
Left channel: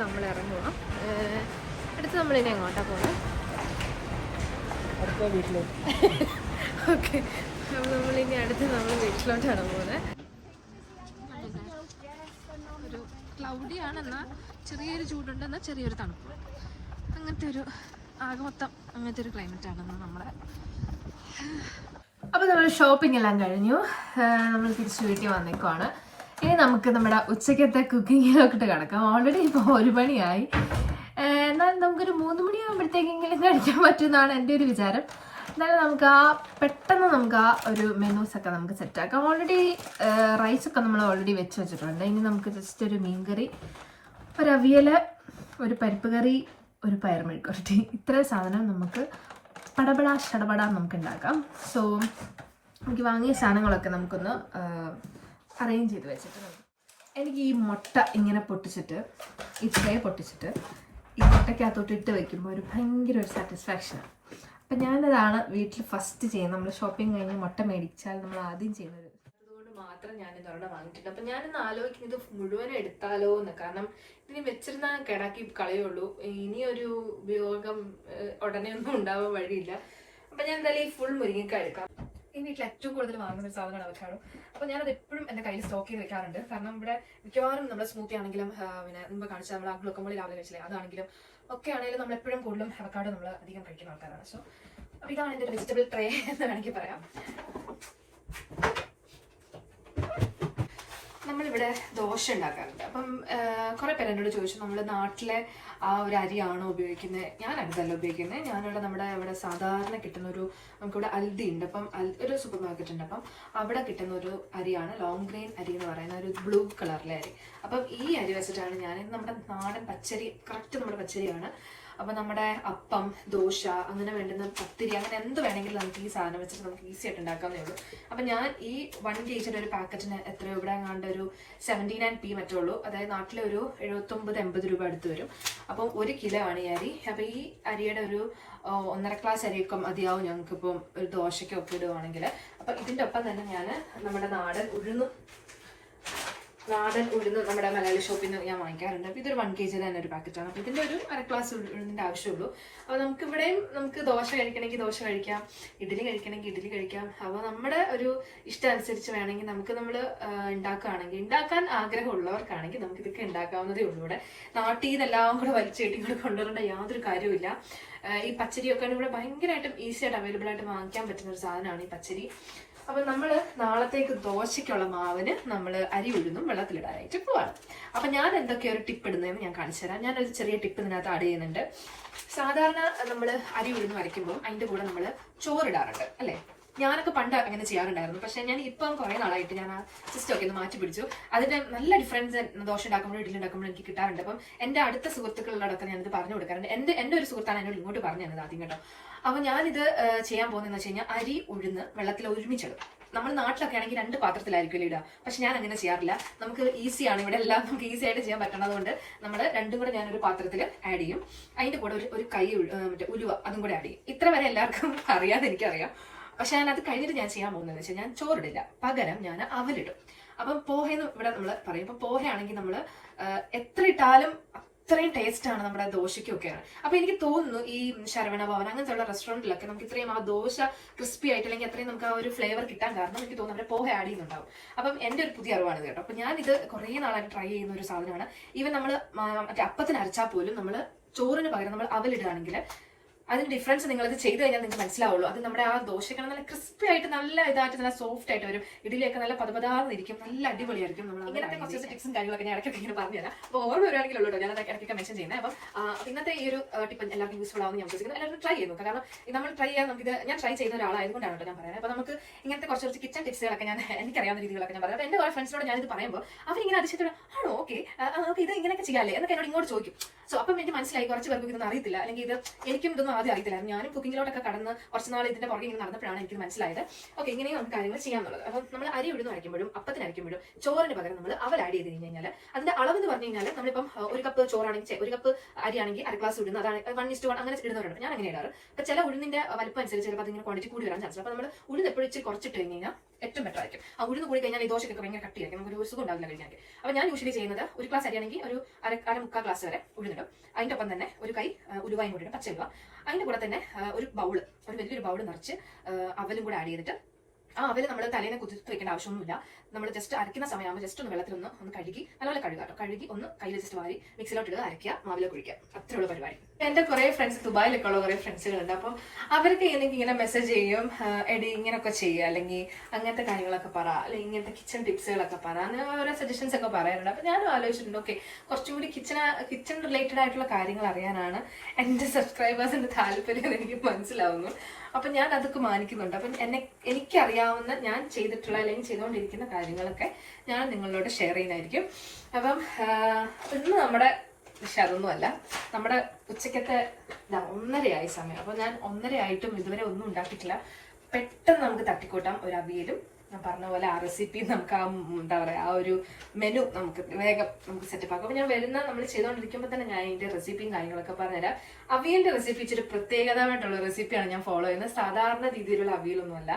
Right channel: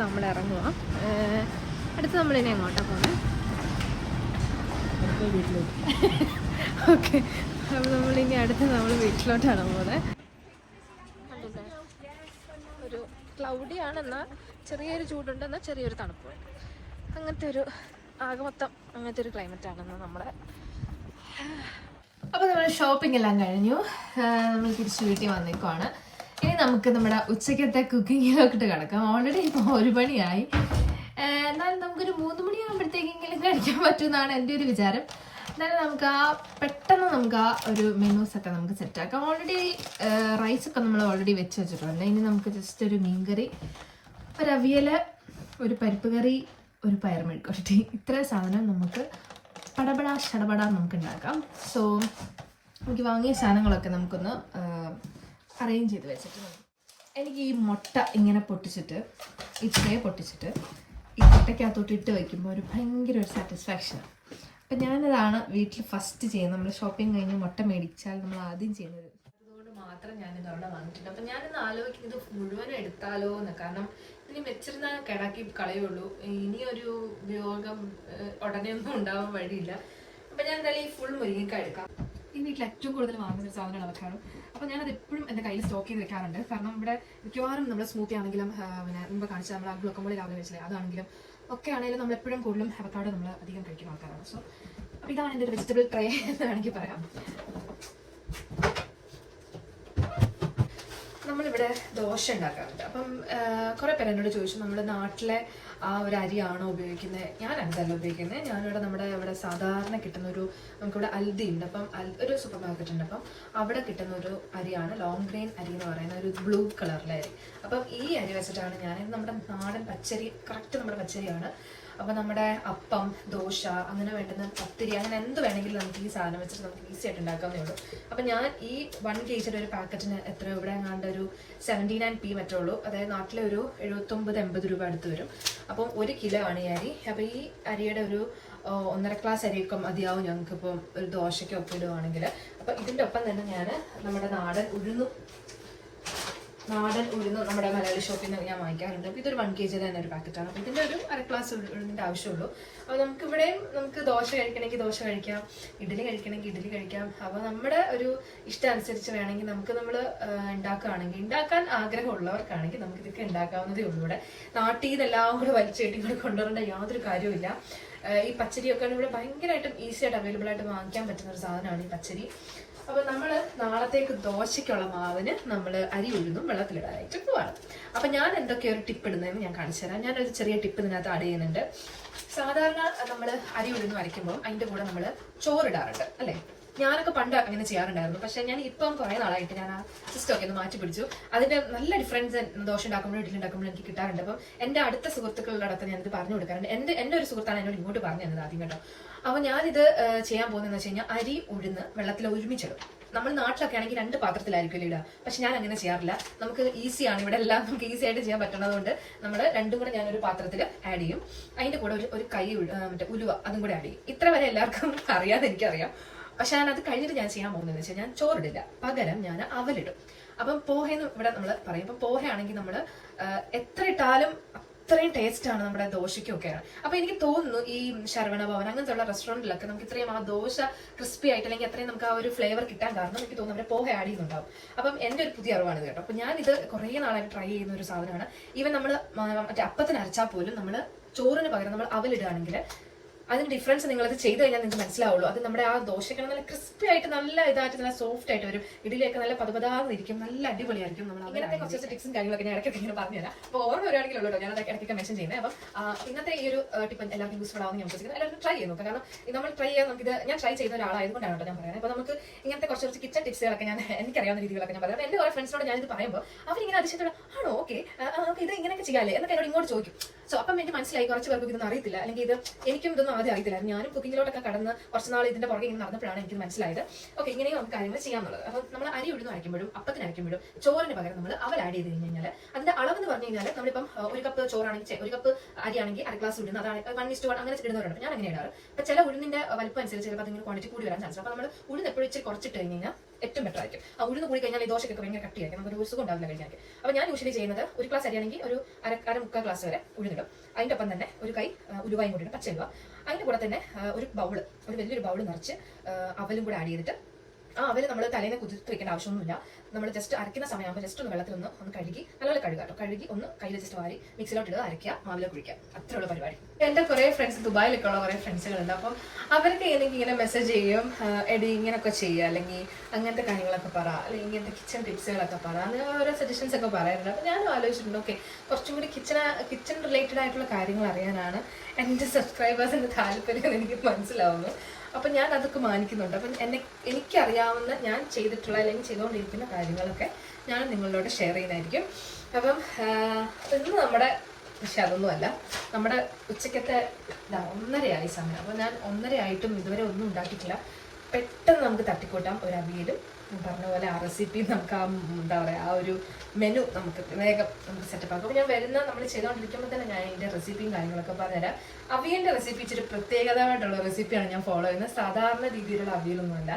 നമ്മൾ ഇറങ്ങുക. അടുത്ത് നമ്മളിനി എങ്ങോട്ടാണ് പോകുന്നത്? ഓക്കെ, അപ്പോൾ നമ്മളിനി അടുത്ത് നമ്മൾ വീട്ടിലോട്ടാണ് പോകുന്നത്. ഒരു ക്ലൗഡിയാണെന്നാൽ ചെറിയൊരു ചൂടുണ്ടെന്നാൽ ചെറിയൊരു തണുപ്പുണ്ട്. അങ്ങനത്തെ ഒരു ആകെ മൊത്തം അങ്ങനത്തെ ഒരു ക്ലൈമറ്റാണെന്ന് നമ്മുടെ. അപ്പോൾ നമ്മൾ ഷോപ്പിംഗ് എല്ലാം കഴിഞ്ഞു. നമ്മൾ തിരിച്ച് വീട്ടിൽ വന്നേക്കുവാണ്. ഇനി നമുക്ക് നമ്മുടെ ഉച്ചക്കത്തെ കുക്കിങ്ങിലൊക്കെ കിടക്കാം. ഓൾറെഡി ഇപ്പോൾ 1 മണിയായി. എന്നാലും നമുക്കൊരു 3 മണിയാകുമ്പോഴത്തേക്കെങ്കിലും കഴിക്കാൻ പറ്റുമെന്നാണ് എൻ്റെ ഒരു വിചാരം. എന്നാലും നമുക്ക് പെട്ടെന്ന് നമുക്ക് ഒരു മെനൂസൊക്കെ നമുക്ക് സെറ്റാക്കാം. ഓൾറെഡി റൈസൊക്കെ നമ്മൾ ഓൾറെഡി വെച്ചിട്ടുണ്ട്. ഇനി നമുക്ക് ജസ്റ്റ് ഒരു മീൻകറി, ഒരു അവിയൽ, ഒരു പരിപ്പ് കറി, ഒരു പയർ മെഴുക്കുവരട്ടി, ഇത്രയും സാധനം നമുക്ക് പടപടാ ഷടപടാ നമുക്ക് ഉണ്ടാക്കാം. സോ നമുക്ക് വാങ്ങിയ സാധനങ്ങളൊക്കെ നമുക്കൊന്ന് അറേഞ്ച് ചെയ്ത് വെച്ചിട്ടുണ്ട്. എനിക്ക് ഈ മുട്ട ഇങ്ങനെ പൊട്ടിച്ചിട്ട് ഇത്രേ പൊട്ടിച്ചിട്ട് ഈ മുട്ടയ്ക്കകത്തോട്ട് ഇട്ട് വയ്ക്കുമ്പോൾ ഒരു ഭയങ്കര ഒരു സാറ്റിസ്ഫാക്ഷനാണ്. അപ്പം ഞാനതാണ് വീട്ടിൽ ഫസ്റ്റ് ചെയ്യുന്നത്. നമ്മൾ ഷോപ്പിംഗ് കഴിഞ്ഞ് മുട്ട മേടിച്ചാൽ നമ്മൾ ആദ്യം ചെയ്യുന്നത്. അതുകൊണ്ട് മാത്രം ഞാനിതവിടെ വാങ്ങിയിട്ടുണ്ട്. അപ്പം ഞാനിന്ന് ആലോചിക്കുന്നത് മുഴുവൻ എടുത്താലോ എന്ന്. കാരണം ഇനി വെച്ചിരുന്നാൽ കിടാക്കി കളയുള്ളൂ. ഇനിയൊരു ഉപയോഗം ഉടനെ ഒന്നും ഉണ്ടാവാൻ വഴിയില്ല. അപ്പം ഞാൻ എന്തായാലും ഈ ഫുൾ മുരിങ്ങക്ക എടുക്കാം. ഈ വീട്ടിൽ ഏറ്റവും കൂടുതൽ വാങ്ങുന്ന ഒരു സാധനമാണ് അവക്കാഡോ. അപ്പോൾ ഞാനത് എപ്പോഴും എൻ്റെ കയ്യിൽ സ്റ്റോക്ക് ചെയ്ത് വെക്കാറുണ്ട്. കാരണം ഇവിടെ മിക്കവാറും നമ്മൾ സ്മൂത്തി ആണെങ്കിലും പിന്നെ മുമ്പ് കാണിച്ചാൽ നമ്മൾ ആ ഗ്ലൂക്കോമോളി രാവിലെ വെച്ചില്ലേ അതാണെങ്കിലും ഒക്കെ ആണെങ്കിലും നമ്മൾ എപ്പോഴും കൂടുതലും അവക്കാഡോ നമ്മൾ അധികം കഴിക്കുന്ന ആൾക്കാരാണ്. സോ അപ്പോൾ ഇതാണ് എൻ്റെ ഒരു വെജിറ്റബിൾ ട്രേ എന്ന് വേണമെങ്കിൽ പറയാം. നമ്മളിവിടെ ദോശ ഉണ്ടാക്കാറുണ്ട്. അപ്പം കുറേ പേര് എന്നോട് ചോദിച്ചു നമ്മൾ നാട്ടിലെ ആ ഒരു അരിയാണോ ഉപയോഗിക്കുന്നത്. ഞാൻ അടുത്തല്ല ഉപയോഗിക്കുന്നത്. ഞാനിവിടെ നമ്മുടെ ഇവിടെ സാധാരണ കിട്ടുന്നൊരു നമുക്കിവിടെ അൽദി ഉണ്ട്. അപ്പം ഒരു സൂപ്പർ മാർക്കറ്റ് ഉണ്ട്. അപ്പം അവിടെ കിട്ടുന്ന ഒരു അരിയാണ് ലോങ് ഗ്രെയിൻ അരി എന്ന് പറയുന്ന ഒരു ബ്ലൂ കളറിലെ അരി. അപ്പം ഈ അരി വെച്ചിട്ടാണ് ഞാൻ നമ്മുടെ നാടൻ പച്ചരി, കറക്റ്റ് നമ്മുടെ പച്ചരിയാണ്. അപ്പം നമ്മുടെ അപ്പം, ദോശ, അങ്ങനെ വേണ്ടുന്ന പത്തിരി, അങ്ങനെ എന്ത് വേണമെങ്കിലും നമുക്ക് ഈ സാധനം വെച്ചിട്ട് നമുക്ക് ഈസി ആയിട്ട് ഉണ്ടാക്കാവുന്നേ ഉള്ളൂ. അപ്പം ഞാൻ ഈ 1 kg ഒരു പാക്കറ്റിന് എത്ര ഇവിടെ എങ്ങാണ്ട് ഒരു 79p മറ്റേ ഉള്ളൂ. അതായത് നാട്ടിലെ ഒരു 79-80 രൂപ അടുത്ത് വരും. അപ്പം 1 കിലോ ആണ് ഈ അരി. അപ്പം ഈ അരിയുടെ ഒരു 1.5 ഗ്ലാസ് അരിയൊക്കെ മതിയാവും ഞങ്ങൾക്കിപ്പം ഒരു ദോശയ്ക്ക് ഒപ്പിടുവാണെങ്കിൽ. അപ്പം ഇതിൻ്റെ ഒപ്പം തന്നെ ഞാൻ നമ്മുടെ നാടൻ ഉഴുന്ന് നമ്മുടെ മലയാളി ഷോപ്പിൽ നിന്ന് ഞാൻ വാങ്ങിക്കാറുണ്ട്. അപ്പോൾ ഇതൊരു 1 kg തന്നെ ഒരു പാക്കറ്റാണ്. അപ്പോൾ ഇതിൻ്റെ ഒരു 1/2 ഗ്ലാസ് ഉഴുന്നിൻ്റെ ആവശ്യമുള്ളൂ. അപ്പോൾ നമുക്കിവിടെയും നമുക്ക് ദോശ കഴിക്കണമെങ്കിൽ ദോശ കഴിക്കാം, ഇഡ്ഡലി കഴിക്കണമെങ്കിൽ ഇഡ്ഡലി കഴിക്കാം. അപ്പോൾ നമ്മുടെ ഒരു ഇഷ്ടം അനുസരിച്ച് വേണമെങ്കിൽ നമ്മൾ ഉണ്ടാക്കാൻ ആഗ്രഹമുള്ളവർക്കാണെങ്കിൽ നമുക്ക് ഇതൊക്കെ ഉണ്ടാക്കാവുന്നതേ ഉള്ളൂ. ഇവിടെ നാട്ടിൽ നിന്നെല്ലാം കൂടെ വലിച്ചു കെട്ടി കൂടെ കൊണ്ടുവരേണ്ട യാതൊരു കാര്യമില്ല. ഈ പച്ചരിയൊക്കെയാണ് ഇവിടെ ഭയങ്കരമായിട്ടും ഈസി ആയിട്ട് അവൈലബിൾ ആയിട്ട് വാങ്ങിക്കാൻ പറ്റുന്ന ഒരു സാധനമാണ് ഈ പച്ചരി. അപ്പോൾ നമ്മൾ നാളത്തേക്ക് ദോശയ്ക്കുള്ള മാവിന് നമ്മൾ അരി ഉഴുന്നും വെള്ളത്തിലിടാനായിട്ട് പോവാണ്. അപ്പം ഞാൻ എന്തൊക്കെയോ ഒരു ടിപ്പ് ഇടുന്നതെന്ന് ഞാൻ കാണിച്ചു തരാം. ഞാനൊരു ചെറിയ ടിപ്പ് ഇതിനകത്ത് ആഡ് ചെയ്യുന്നുണ്ട്. സാധാരണ നമ്മൾ അരി ഉഴുന്ന് വരയ്ക്കുമ്പോൾ അതിൻ്റെ കൂടെ നമ്മൾ ചോറിടാറുണ്ട് അല്ലേ? ഞാനൊക്കെ പണ്ട് അങ്ങനെ ചെയ്യാറുണ്ടായിരുന്നു. പക്ഷേ ഞാൻ ഇപ്പം കുറേ നാളായിട്ട് ഞാൻ ആ സിസ്റ്റം ഒക്കെ ഒന്ന് മാറ്റി പിടിച്ചു. അതിൻ്റെ നല്ല ഡിഫറൻസ് ദോശ ഉണ്ടാക്കുമ്പോഴും ഇഡ്ഡലി ഉണ്ടാക്കുമ്പോഴും എനിക്ക് കിട്ടാറുണ്ട്. അപ്പം എൻ്റെ അടുത്ത സുഹൃത്തുക്കളോടൊക്കെ ഞാനിത് പറഞ്ഞു കൊടുക്കാറുണ്ട്. എൻ്റെ ഒരു സുഹൃത്താണ് എന്നോട് ഇങ്ങോട്ട് പറഞ്ഞു തന്നത് ആദ്യം കേട്ടോ. അപ്പോൾ ഞാനിത് ചെയ്യാൻ പോകുന്നതെന്ന് വെച്ച് കഴിഞ്ഞാൽ അരി ഉഴുന്ന് വെള്ളത്തിൽ ഒരുമിച്ചിടും. നമ്മൾ നാട്ടിലൊക്കെ ആണെങ്കിൽ 2 പാത്രത്തിലായിരിക്കും ഇടുക. പക്ഷെ ഞാൻ അങ്ങനെ ചെയ്യാറില്ല. നമുക്ക് ഈസിയാണ്, ഇവിടെ എല്ലാം നമുക്ക് ഈസി ആയിട്ട് ചെയ്യാൻ പറ്റണതുകൊണ്ട് നമ്മൾ രണ്ടും കൂടെ ഞാനൊരു പാത്രത്തിൽ ആഡ് ചെയ്യും. അതിൻ്റെ കൂടെ ഒരു കൈ മറ്റേ ഉലുവ അതും കൂടെ ആഡ് ചെയ്യും. ഇത്ര വരെ എല്ലാവർക്കും അറിയാതെ എനിക്കറിയാം. പക്ഷെ ഞാൻ അത് കഴിഞ്ഞിട്ട് ഞാൻ ചെയ്യാൻ പോകുന്നതെന്ന് വെച്ചാൽ ഞാൻ ചോറിടില്ല, പകരം ഞാൻ അവലിടും. അപ്പം പോഹയെന്ന് ഇവിടെ നമ്മൾ പറയും. ഇപ്പം പോഹ ആണെങ്കിൽ നമ്മൾ എത്ര ഇട്ടാലും അത്രയും ടേസ്റ്റ് ആണ് നമ്മുടെ ദോശയ്ക്കൊക്കെയാണ്. അപ്പൊ എനിക്ക് തോന്നുന്നു ഈ ശരവണ ഭവൻ അങ്ങനത്തെ ഉള്ള റെസ്റ്റോറൻറ്റിലൊക്കെ നമുക്ക് ഇത്രയും ആ ദോശ ക്രിസ്പി ആയിട്ട് അല്ലെങ്കിൽ അത്രയും നമുക്ക് ആ ഒരു ഫ്ലേവർ കിട്ടാൻ കാരണം എനിക്ക് തോന്നുന്നു അവരെ പോഹ ആഡ് ചെയ്യുന്നുണ്ടാവും. അപ്പം എൻ്റെ ഒരു പുതിയ അറിവാണ് കേട്ടോ. അപ്പൊ ഞാൻ ഇത് കുറേ നാളായിട്ട് ട്രൈ ചെയ്യുന്ന ഒരു സാധനമാണ്. ഈവൻ നമ്മൾ മറ്റേ അപ്പത്തിന് അരച്ചാൽ പോലും നമ്മൾ ചോറിന് പകരം നമ്മൾ അവലിടുകയാണെങ്കിൽ അതിന് ഡിഫറൻസ് നിങ്ങളത് ചെയ്ത് കഴിഞ്ഞാൽ നിങ്ങൾക്ക് മനസ്സിലാവുള്ളൂ. അത് നമ്മുടെ ആ ദോശയ്ക്ക് നല്ല ക്രിസ്പി ആയിട്ട് നല്ല ഇതായിട്ട് നല്ല സോഫ്റ്റ് ആയിട്ട് വരും. ഇഡലിയൊക്കെ നല്ല പതപതാന്നിരിക്കും, നല്ല അടിപൊളിയായിരിക്കും. നമ്മൾ ഇങ്ങനത്തെ കുറച്ച് ടിപ്സും കാര്യങ്ങളൊക്കെ ഞാൻ ഇടയ്ക്കൊക്കെ ഇങ്ങനെ പറഞ്ഞുതരാം. അപ്പോൾ ഓരോ വരുവാണെങ്കിലുള്ളൂ ഞാൻ ഇടയ്ക്കൊക്കെ മെൻഷൻ ചെയ്യുന്നത്. അപ്പം ഇന്നത്തെ ഈ ഒരു ടിപ്പ് എല്ലാവർക്കും യൂസ്ഫുൾ ആവുമെന്ന് ഞാൻ വിശ്വസിക്കുന്നത്. എല്ലാവരും ട്രൈ ചെയ്യുന്നു. കാരണം നമ്മൾ ട്രൈ ചെയ്യാൻ നമുക്കിത് ഞാൻ ട്രൈ ചെയ്യുന്ന ഒരാളായതുകൊണ്ടാണ് കേട്ടോ ഞാൻ പറയുന്നത്. അപ്പോൾ നമുക്ക് ഇങ്ങനത്തെ കുറച്ച് കിച്ചൺ ടിപ്സുകളൊക്കെ ഞാൻ എനിക്കറിയാവുന്ന രീതികളൊക്കെ ഞാൻ പറയാം. അപ്പോൾ എൻ്റെ കുറേ ഫ്രണ്ട്സിനോട് ഞാനിത് പറയുമ്പോൾ അവരിങ്ങനെ അതിശയത്തോടെ ആണോ ഓക്കെ നമുക്ക് ഇത് ഇങ്ങനെയൊക്കെ ചെയ്യാല്ലേ എന്നൊക്കെ എന്നോട് ഇങ്ങോട്ട് ചോദിക്കും. സോ അപ്പം എനിക്ക് മനസ്സിലായി കുറച്ച് പേർക്ക് ഇതൊന്നും അറിയത്തില്ല, അല്ലെങ്കിൽ ഇത് എനിക്കും ഇതൊന്നും ആദ്യം അറിയത്തില്ലായിരുന്നു. ഞാനും കുക്കിങ്ങിലോട്ടൊക്കെ കടന്ന് കുറച്ച് നാൾ ഇതിന്റെ പുറകെ ഇങ്ങനെ നടന്നപ്പോഴാണ് എനിക്ക് മനസ്സിലായത് ഓക്കെ ഇങ്ങനെയും നമുക്ക് കാര്യങ്ങൾ ചെയ്യാന്നുള്ളത്. അപ്പം നമ്മൾ അരി ഉഴുന്ന് അരയ്ക്കുമ്പോഴും അപ്പത്തിന് അരയ്ക്കുമ്പോഴും ചോറിന് പകരം നമ്മൾ അവൽ ആഡ് ചെയ്ത് കഴിഞ്ഞാൽ അതിന്റെ അളവെന്ന് പറഞ്ഞു കഴിഞ്ഞാൽ നമ്മളിപ്പം ഒരു കപ്പ് ചോറാണെങ്കിൽ ഒരു കപ്പ് അരിയാണെങ്കിൽ അര ഗ്ലാസ് ഉഴുന്ന്, അതാണ് 1:1 അങ്ങനെ ഇടുന്നവരുണ്ട്. ഞാൻ അങ്ങനെ ഇടാറ്. അപ്പൊ ചില ഉഴുന്നിന്റെ വലിപ്പം അനുസരിച്ച് ചിലപ്പോൾ അതിങ്ങനെ ക്വാണ്ടിറ്റി കൂടി വരാൻ ചാൻസ്. അപ്പൊ നമ്മൾ ഉഴുന്ന് എപ്പോഴും ഇച്ചിരി കുറച്ചിട്ട് കഴിഞ്ഞാൽ ഏറ്റവും ബെറ്റർ ആയിരിക്കും. ആ ഉഴുന്ന് കൂടി കഴിഞ്ഞാൽ ഈ ദോശയൊക്കെ ഭയങ്കര കട്ടിയായിരിക്കും, നമുക്ക് ഒരു സുഖം ഉണ്ടാവില്ല കഴിഞ്ഞാൽ. അപ്പൊ ഞാൻ യൂഷ്വലി ചെയ്യുന്നത് ഒരു ഗ്ലാസ് അരിയാണെങ്കിൽ ഒരു മുക്കാൽ ഗ്ലാസ് വരെ ഉഴുന്നിടും. അതിന്റെ ഒപ്പം തന്നെ ഒരു കൈ ഉലുവായും കൂടി ഇടും, പച്ച ഉലുവ. അതിന്റെ കൂടെ തന്നെ ഒരു വലിയൊരു ബൗള് നിറച്ച് അവലും കൂടെ ആഡ് ചെയ്തിട്ട് ആ അവല് നമ്മൾ തലേനെ കുതിർത്ത് വെക്കേണ്ട ആവശ്യമൊന്നുമില്ല. നമ്മൾ ജസ്റ്റ് അരയ്ക്കുന്ന സമയമാകുമ്പോൾ ജസ്റ്റ് ഒന്ന് വെള്ളത്തിൽ ഒന്ന് കഴുകി നല്ലപോലെ കഴുകാട്ടോ. കഴുകി ഒന്ന് കയ്യിൽ ജസ്റ്റ് വാരി മിക്സിലോട്ട് ഇടുക, അരയ്ക്കുക, മാവിലേക്ക് ഒഴിക്കുക. അത്രയുള്ള പരിപാടി. എൻ്റെ കുറേ ഫ്രണ്ട്സ് ദുബായിലൊക്കെ ഉള്ള കുറേ ഫ്രണ്ട്സുകളുണ്ട്. അപ്പം അവർക്ക് എനിക്ക് ഇങ്ങനെ മെസ്സേജ് ചെയ്യും, എടി ഇങ്ങനെയൊക്കെ ചെയ്യുക, അല്ലെങ്കിൽ അങ്ങനത്തെ കാര്യങ്ങളൊക്കെ പറ, അല്ലെങ്കിൽ ഇങ്ങനത്തെ കിച്ചൺ ടിപ്സുകളൊക്കെ പറ, അങ്ങനെ ഓരോ സജഷൻസ് ഒക്കെ പറയാറുണ്ട്. അപ്പം ഞാനും ആലോചിച്ചിട്ടുണ്ട് ഓക്കെ കുറച്ചും കൂടി കിച്ചൺ റിലേറ്റഡ് ആയിട്ടുള്ള കാര്യങ്ങൾ അറിയാനാണ് എൻ്റെ സബ്സ്ക്രൈബേഴ്സിൻ്റെ താല്പര്യം എനിക്ക് മനസ്സിലാവുന്നു. അപ്പം ഞാൻ അതൊക്കെ മാനിക്കുന്നുണ്ട്. അപ്പം എനിക്കറിയാവുന്ന ഞാൻ ചെയ്തിട്ടുള്ള അല്ലെങ്കിൽ ചെയ്തുകൊണ്ടിരിക്കുന്ന കാര്യങ്ങളൊക്കെ ഞാൻ നിങ്ങളോട് ഷെയർ ചെയ്യുന്നതായിരിക്കും. അപ്പം ഇന്ന് നമ്മുടെ പക്ഷെ അതൊന്നുമല്ല, നമ്മുടെ ഉച്ചക്കത്തെ 1:30 സമയം. അപ്പം ഞാൻ 1:30 ആയിട്ടും ഇതുവരെ ഒന്നും ഉണ്ടാക്കിയിട്ടില്ല. പെട്ടെന്ന് നമുക്ക് തട്ടിക്കൂട്ടാം ഒരു അവിയലും ഞാൻ പറഞ്ഞ പോലെ ആ റെസിപ്പി നമുക്ക് ആ എന്താ പറയുക ആ ഒരു മെനു നമുക്ക് വേഗം നമുക്ക് സെറ്റപ്പ് ആക്കും. അപ്പോൾ ഞാൻ നമ്മൾ ചെയ്തുകൊണ്ടിരിക്കുമ്പോൾ തന്നെ ഞാൻ അതിൻ്റെ റെസിപ്പിയും കാര്യങ്ങളൊക്കെ പറഞ്ഞുതരാം. അവിയലിൻ്റെ റെസിപ്പി ഇച്ചിരി പ്രത്യേകതമായിട്ടുള്ള റെസിപ്പിയാണ് ഞാൻ ഫോളോ ചെയ്യുന്നത്. സാധാരണ രീതിയിലുള്ള അവിയലൊന്നുമല്ല.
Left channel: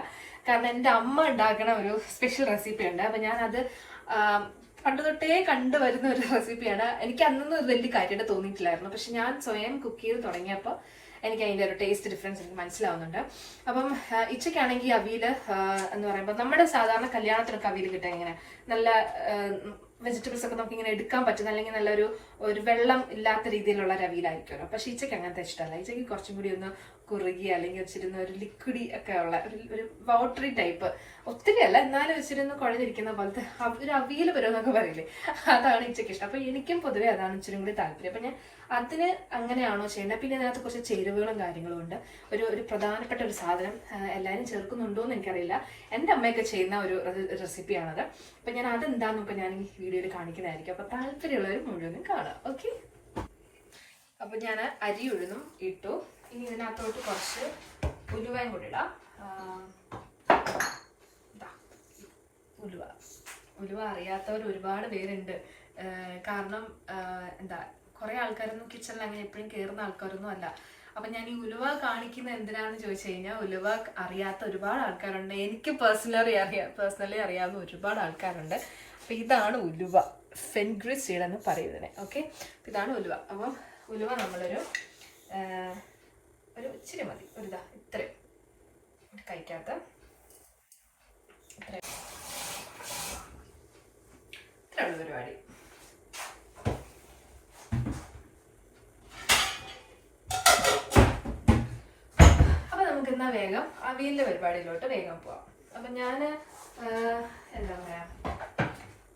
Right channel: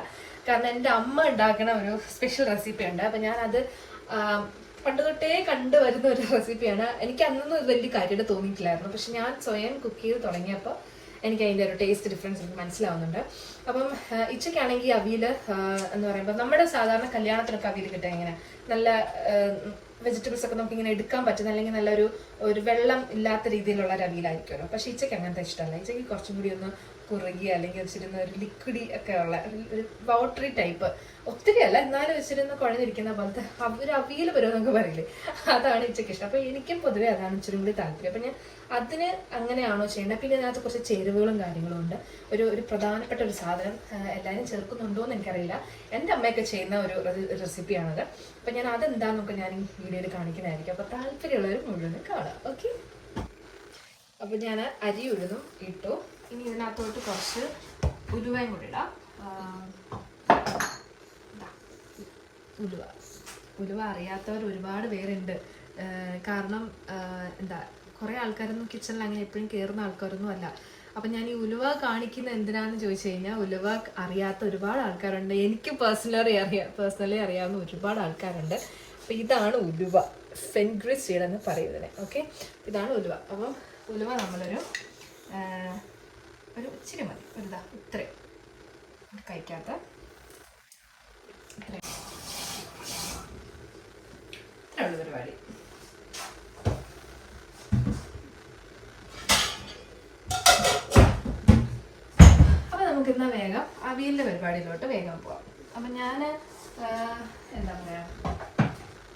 കാരണം എൻ്റെ അമ്മ ഉണ്ടാക്കുന്ന ഒരു സ്പെഷ്യൽ റെസിപ്പിയുണ്ട്. അപ്പം ഞാനത് പണ്ട് തൊട്ടേ കണ്ടുവരുന്ന ഒരു റെസിപ്പിയാണ്. എനിക്ക് അന്നൊന്നും ഇത് വലിയ കാര്യമായിട്ട് തോന്നിയിട്ടില്ലായിരുന്നു. പക്ഷെ ഞാൻ സ്വയം കുക്ക് ചെയ്ത് തുടങ്ങിയപ്പോൾ എനിക്ക് അതിൻ്റെ ഒരു ടേസ്റ്റ് ഡിഫറൻസ് എനിക്ക് മനസ്സിലാവുന്നുണ്ട്. അപ്പം ഇച്ചയ്ക്കാണെങ്കിൽ അവിയൽ എന്ന് പറയുമ്പോൾ നമ്മുടെ സാധാരണ കല്യാണത്തിനൊക്കെ അവിയൽ കിട്ടാൻ ഇങ്ങനെ നല്ല വെജിറ്റബിൾസ് ഒക്കെ നമുക്ക് ഇങ്ങനെ എടുക്കാൻ പറ്റുന്ന അല്ലെങ്കിൽ നല്ലൊരു വെള്ളം ഇല്ലാത്ത രീതിയിലുള്ള ഒരു അവിയലായിരിക്കുമല്ലോ. പക്ഷെ ഇച്ചയ്ക്ക് അങ്ങനത്തെ ഇഷ്ടമല്ല. ഇച്ചയ്ക്ക് കുറച്ചും കൂടി ഒന്ന് കുറുകി അല്ലെങ്കിൽ വെച്ചിരുന്ന ഒരു ലിക്വിഡി ഒക്കെ ഉള്ള ഒരു പൗഡറി ടൈപ്പ്, ഒത്തിരി അല്ല എന്നാലും വെച്ചിരുന്ന് കുഴഞ്ഞിരിക്കുന്ന പോലത്തെ ഒരു അവിയൽ വരുമെന്നൊക്കെ പറയില്ലേ, അതാണ് ഇച്ചയ്ക്ക് ഇഷ്ടം. അപ്പൊ എനിക്കും പൊതുവെ അതാണ് ഇച്ചിരി കൂടി താല്പര്യം. അപ്പൊ ഞാൻ അതിന് അങ്ങനെയാണോ ചെയ്യേണ്ടത്. പിന്നെ അതിനകത്ത് കുറച്ച് ചേരുവകളും കാര്യങ്ങളും ഉണ്ട്. ഒരു പ്രധാനപ്പെട്ട ഒരു സാധനം എല്ലാവരും ചേർക്കുന്നുണ്ടോ എന്ന് എനിക്കറിയില്ല. എൻ്റെ അമ്മയൊക്കെ ചെയ്യുന്ന ഒരു റെസിപ്പിയാണത്. അപ്പൊ ഞാൻ അതെന്താന്നൊക്കെ ഞാൻ ഈ വീഡിയോയിൽ കാണിക്കുന്നതായിരിക്കും. അപ്പൊ താല്പര്യമുള്ളവർ മുഴുവനും കാണാം. ഓക്കെ, അപ്പൊ ഞാൻ അരി ഉഴുന്നും ഇട്ടു. ഇനി ഇതിനകത്തോട്ട് കുറച്ച് ഉലുവയും കൂടി ഇടാം. ഉലുവ അറിയാത്തവർ ഒരുപാട് പേരുണ്ട്. കാരണം എന്താ കുറേ ആൾക്കാരൊന്നും കിച്ചണിൽ അങ്ങനെ എപ്പോഴും കയറുന്ന ആൾക്കാരൊന്നും അല്ല. അപ്പം ഞാൻ ഈ ഉലുവ കാണിക്കുന്ന എന്തിനാന്ന് ചോദിച്ചു കഴിഞ്ഞാൽ ഉലുവ അറിയാത്ത ഒരുപാട് ആൾക്കാരുണ്ട്. എനിക്ക് പേഴ്സണലി അറിയാവുന്ന ഒരുപാട് ആൾക്കാരുണ്ട്. അപ്പം ഇതാണ് ഉലുവ, ഫെൻഗ്രിസ് സീഡ് എന്ന് പറയുന്നത്. ഓക്കെ, ഇതാണ് ഉലുവ. അപ്പം ഉലുവ നമ്മളൊരു ഇച്ചിരി മതി, ഇത്രയും കഴിക്കാത്ത ഇത്രയുള്ള പരിപാടി. നമുക്കിന്നാ വേഗം അവിയലിൻ്റെ പരിപാടിയിലോട്ട് വേഗം പോവാം. അപ്പം ഞാൻ എന്താ പറയുക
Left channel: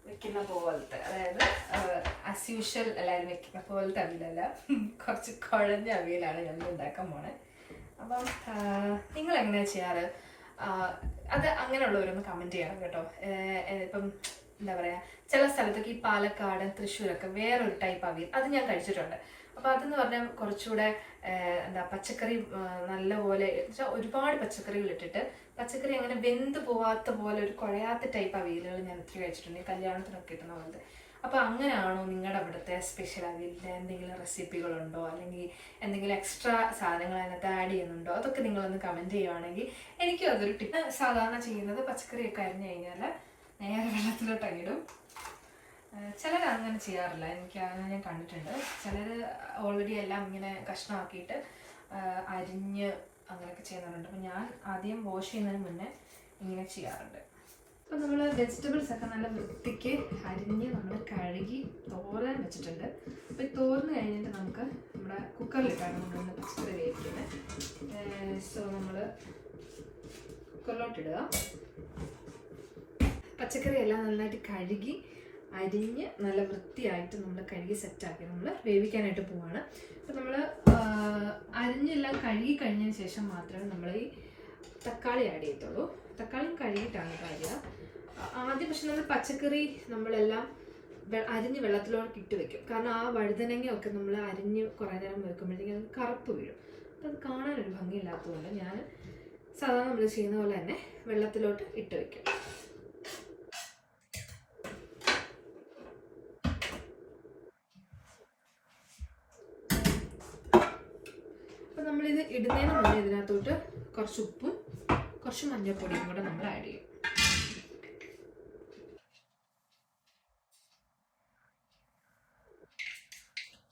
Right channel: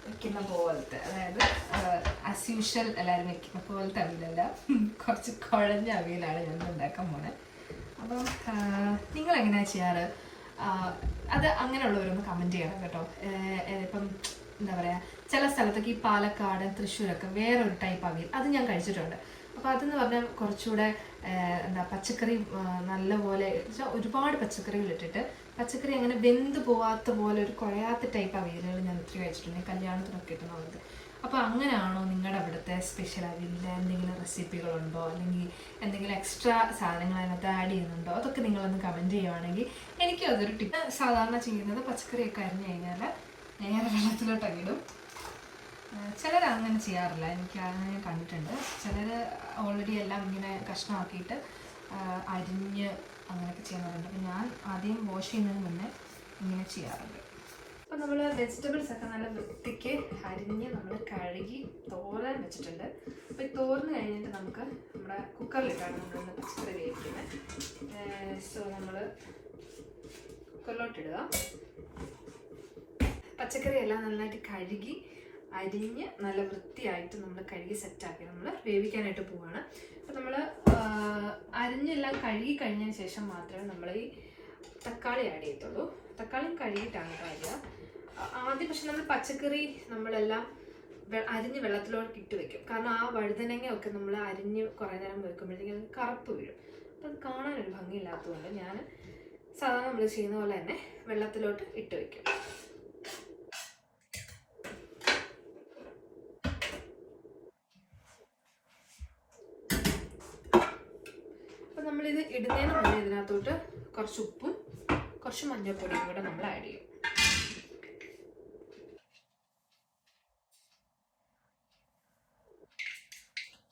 വെക്കുന്ന പോലത്തെ, അതായത് ആസ് യൂഷ്വൽ എല്ലാവരും വെക്കുന്ന പോലത്തെ അവിയലല്ല, കുറച്ച് കുഴഞ്ഞ അവിയലാണ് ഞാൻ ഉണ്ടാക്കാൻ പോണേ. അപ്പം നിങ്ങളെങ്ങനെയാണ് ചെയ്യാറ്? അത് അങ്ങനെയുള്ളവരൊന്ന് കമൻറ്റ് ചെയ്യണം കേട്ടോ. ഇപ്പം എന്താ പറയുക ചില സ്ഥലത്തൊക്കെ ഈ പാലക്കാട് തൃശ്ശൂരൊക്കെ വേറൊരു ടൈപ്പ് അവിയൽ അത് ഞാൻ കഴിച്ചിട്ടുണ്ട്. അപ്പോൾ അതെന്ന് പറഞ്ഞാൽ കുറച്ചുകൂടെ പച്ചക്കറി നല്ലപോലെ ഒരുപാട് പച്ചക്കറികൾ ഇട്ടിട്ട് പച്ചക്കറി അങ്ങനെ വെന്ത് പോവാത്ത പോലെ ഒരു കുഴയാത്ത ടൈപ്പ് അവിയലുകൾ ഞാൻ ഒത്തിരി കഴിച്ചിട്ടുണ്ട്, കല്യാണത്തിനൊക്കെ കിട്ടുന്ന പോലത്തെ. അപ്പോൾ അങ്ങനെയാണോ നിങ്ങളുടെ അവിടുത്തെ സ്പെഷ്യൽ അവിയലിൻ്റെ എന്തെങ്കിലും റെസിപ്പികളുണ്ടോ, അല്ലെങ്കിൽ എന്തെങ്കിലും എക്സ്ട്രാ സാധനങ്ങൾ അതിനകത്ത് ആഡ് ചെയ്യുന്നുണ്ടോ? അതൊക്കെ നിങ്ങളൊന്ന് കമൻറ്റ് ചെയ്യുവാണെങ്കിൽ എനിക്കും അതൊരു ടിപ്പ്. സാധാരണ ചെയ്യുന്നത് പച്ചക്കറിയൊക്കെ അരിഞ്ഞു കഴിഞ്ഞാൽ നേരെ വെള്ളത്തിലോട്ടങ്ങ് ഇടും. ചിലർ അങ്ങനെ ചെയ്യാറില്ല, എനിക്ക് അങ്ങനെ ഞാൻ കണ്ടിട്ടുണ്ട്. ചിലർ ഓൾറെഡി എല്ലാം ഇങ്ങനെ കഷ്ണമാക്കിയിട്ട് അരിഞ്ഞ് അങ്ങനെയൊക്കെ ചെയ്യുന്നവരുണ്ട്. അപ്പം ഞാൻ ആദ്യം വാഷ് ചെയ്യുന്നതിന് മുന്നേ ഇങ്ങനെ ചെയ്യാറുണ്ട്. അപ്പം നമ്മൾ വെജിറ്റബിൾസ് ഒക്കെ നല്ല വൃത്തിക്ക് അരിഞ്ഞ് നമ്മൾ കഴുകി തോരാൻ വെച്ചിട്ടുണ്ട്. അപ്പോൾ ഈ തോർന്ന് കഴിഞ്ഞിട്ട് നമുക്ക് നമ്മുടെ കുക്കറിലിട്ടാണ് നമ്മളൊന്ന് പച്ചക്കറി വേവിക്കുന്നത്. സോ നമ്മൾ കുക്കറിലോട്ടിടുക. പച്ചക്കറി എല്ലാം നന്നായിട്ട് കഴുകി അരിഞ്ഞ് നല്ല വൃത്തിയായിട്ട് നമ്മൾ കഴുകി സെറ്റാക്കി നമ്മൾ വേവിക്കാനായിട്ട് പോവാണ്. അപ്പോൾ നമ്മൾ അരിഞ്ഞെല്ലാം കഴുകി കഴിഞ്ഞതിന് ശേഷം മാത്രമേ നമ്മൾ ഈ തക്കാളി ആഡ് ചെയ്യത്തുള്ളൂ. തക്കാളിയും കഴുകിയിട്ടാണ് കാര്യ ആദ്യം. പക്ഷെ നമ്മൾ പച്ചക്കറി നമ്മളെല്ലാം അരിഞ്ഞ് വെള്ളത്തിലോട്ട് ഇട്ട് വെക്കും. കാരണം ആ വഴുതനങ്ങയൊക്കെ നമ്മൾ അരിഞ്ഞ് കുറേ നേരം വെക്കുമ്പോഴത്തേക്കും അത് കറുപ്പ് വീഴും. അപ്പോൾ അത് കാണാനൊരു ഭംഗിയില്ലാത്തതുകൊണ്ട് ഞാൻ സാധാരണ നമ്മൾ ചെയ്യുന്ന പോലെ തന്നെ വെള്ളത്തിലോട്ട് ഇട്ട് വെക്കും. നമ്മളിത് ഇടുന്നതിന് മുന്നേ ഇതിനകത്തോട്ട് കുറച്ച് ഉപ്പും കുറച്ച് മഞ്ഞൾപ്പൊടിയും കൂടെ നമ്മൾ ആഡ് ചെയ്യും.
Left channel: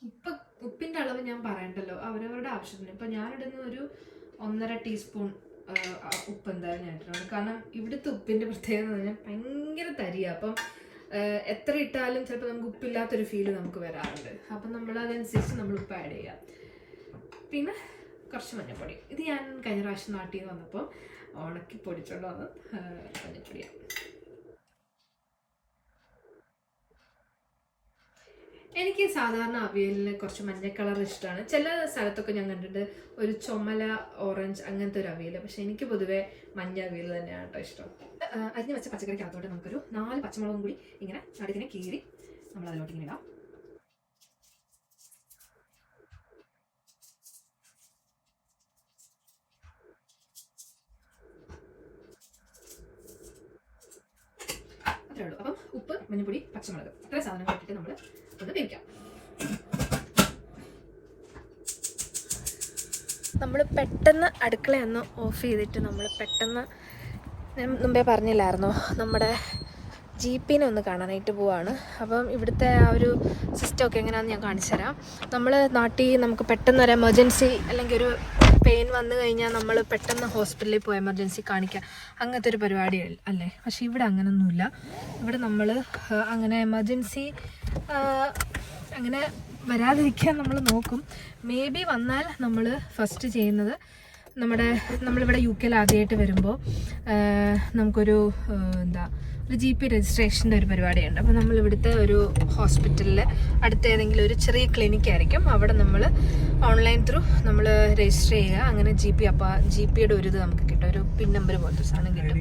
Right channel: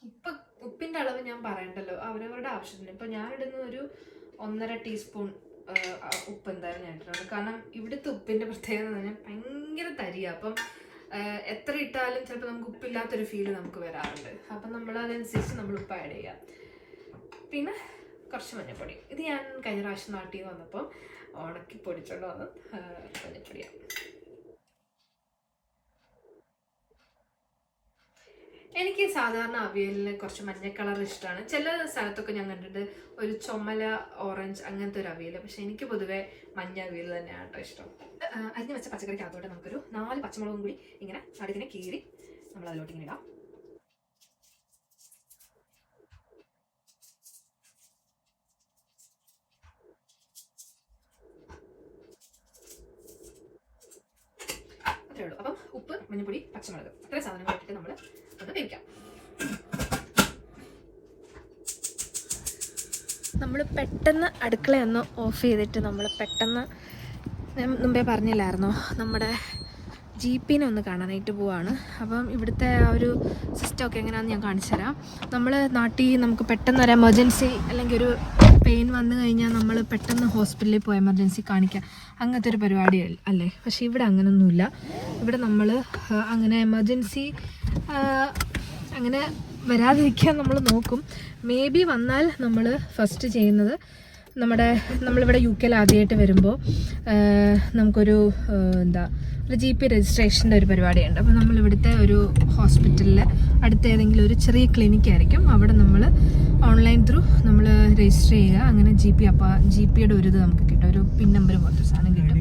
ഇപ്പം ഉപ്പിൻ്റെ അളവ് ഞാൻ പറയണ്ടല്ലോ, അവരവരുടെ ആവശ്യത്തിന്. ഇപ്പം ഞാനിടുന്ന ഒരു 1.5 ടീസ്പൂൺ ഉപ്പ് എന്തായാലും ഞാൻ ഇട്ടിട്ടുണ്ട്. കാരണം ഇവിടുത്തെ ഉപ്പിൻ്റെ പ്രത്യേകത എന്ന് പറഞ്ഞാൽ ഭയങ്കര തരിയാണ്. അപ്പം എത്ര ഇട്ടാലും ചിലപ്പോൾ നമുക്ക് ഉപ്പില്ലാത്തൊരു ഫീല് നമുക്ക് വരാറുണ്ട്. അപ്പം നമ്മൾ അതനുസരിച്ച് നമ്മൾ ഉപ്പ് ആഡ് ചെയ്യാം. പിന്നെ കുറച്ച് മഞ്ഞൾപ്പൊടി. ഇത് ഞാൻ കഴിഞ്ഞ പ്രാവശ്യം നാട്ടിൽ നിന്ന് വന്നപ്പോൾ ഉണക്കി പൊടിച്ചോണ്ട് വന്ന് മഞ്ഞൾപ്പൊടിയാണ്. എനിക്ക് സാധാരണ അവിയലിന് കുറച്ച് മഞ്ഞ കളർ ഇഷ്ടമാണ്. ചില സ്ഥലത്തൊക്കെ ഞാൻ കണ്ടിട്ട് ഒരു ചുമല ഓറഞ്ച് അങ്ങനത്തെ ഒരു അവിയൽ. പക്ഷെ എനിക്ക് പൊതുവേ മഞ്ഞ അവിയൽ തന്നെയാണ് കേട്ടോ ഇഷ്ടം. അരിഞ്ഞ് വെച്ച പച്ചക്കറിക്കകത്തോട്ട് നമുക്കൊരു 4 പച്ചമുളകും കൂടി ഇങ്ങനെ നടുക്കിനെ കീറി നമ്മൾ അതിലോട്ട് ഇങ്ങനെ ഇടാം. അത്രേ ഉള്ളൂ. അപ്പം ഉപ്പ്, മഞ്ഞൾപ്പൊടി, പച്ചമുളക് ഇത്ര സാധനങ്ങൾ ഇട്ടിട്ട് നമ്മൾ ഒന്ന് വേവിക്കാം. നമ്മൾ പെട്ടെന്ന് അടുക്കളയൊന്ന് ഓഫ് ചെയ്തിട്ട് നമ്മൾ പെട്ടെന്ന്, ഞാൻ മുമ്പേ പറഞ്ഞില്ലായിരുന്നോ, നമ്മുടെ ജീപ്പിനെ ഒന്ന് കാണാനായിട്ട് പോവാണ്. അപ്പം ഇവിടുത്തെ ആ ഒരു സിസ്റ്റമൊക്കെ എങ്ങനെയാണെന്ന് ഞാൻ കാണിച്ചു തരാം. നമ്മൾ നാട്ടിൽ നമുക്ക് പെട്ടെന്ന് ഒരു എമർജൻസി അല്ലെങ്കിൽ ഒരു പെയിൻ വന്നു കഴിഞ്ഞാൽ നമ്മൾ പെട്ടെന്ന് ഹോസ്പിറ്റലിൽ പോയി എമർജൻസി കാണിക്കുക, അങ്ങനത്തെ ഒരു പരിപാടി അല്ലേ. പക്ഷെ ഇവിടെ അങ്ങനെയൊന്നുമില്ല. ഇവിടെ നമ്മൾ അങ്ങനെ എമർജൻസി അങ്ങനെ വരാതിരിക്കാൻ നമ്മൾ നോക്കും. മേ ബി വന്നാൽ നമ്മൾ ഫസ്റ്റ് ചെയ്യുന്നത് നമ്മളിവിടെ UK ആദ്യമായിട്ട് വരുമ്പോൾ നമുക്കൊരു ഒരു GP രജിസ്ട്രേഷൻ്റെ ഒരു പരിപാടിയുണ്ട്. അപ്പോൾ നമ്മൾ ഇവിടുത്തെ ഒരു ഹോസ്പിറ്റലിൽ അടുത്ത ഏതെങ്കിലും ഒരു ചെറിയ ക്ലിനിക്ക് ആയിരിക്കും. അവിടെ നമ്മൾ ഓൺലൈൻ ത്രൂ നമ്മൾ രജിസ്റ്റർ ചെയ്യുക. അങ്ങനെ അപ്പോൾ GPയുടെ ഒരു ഇത് നമുക്ക് കിട്ടും, ഒരു പിൻ നമ്പർ പോലത്തെ സാധനം കിട്ടും.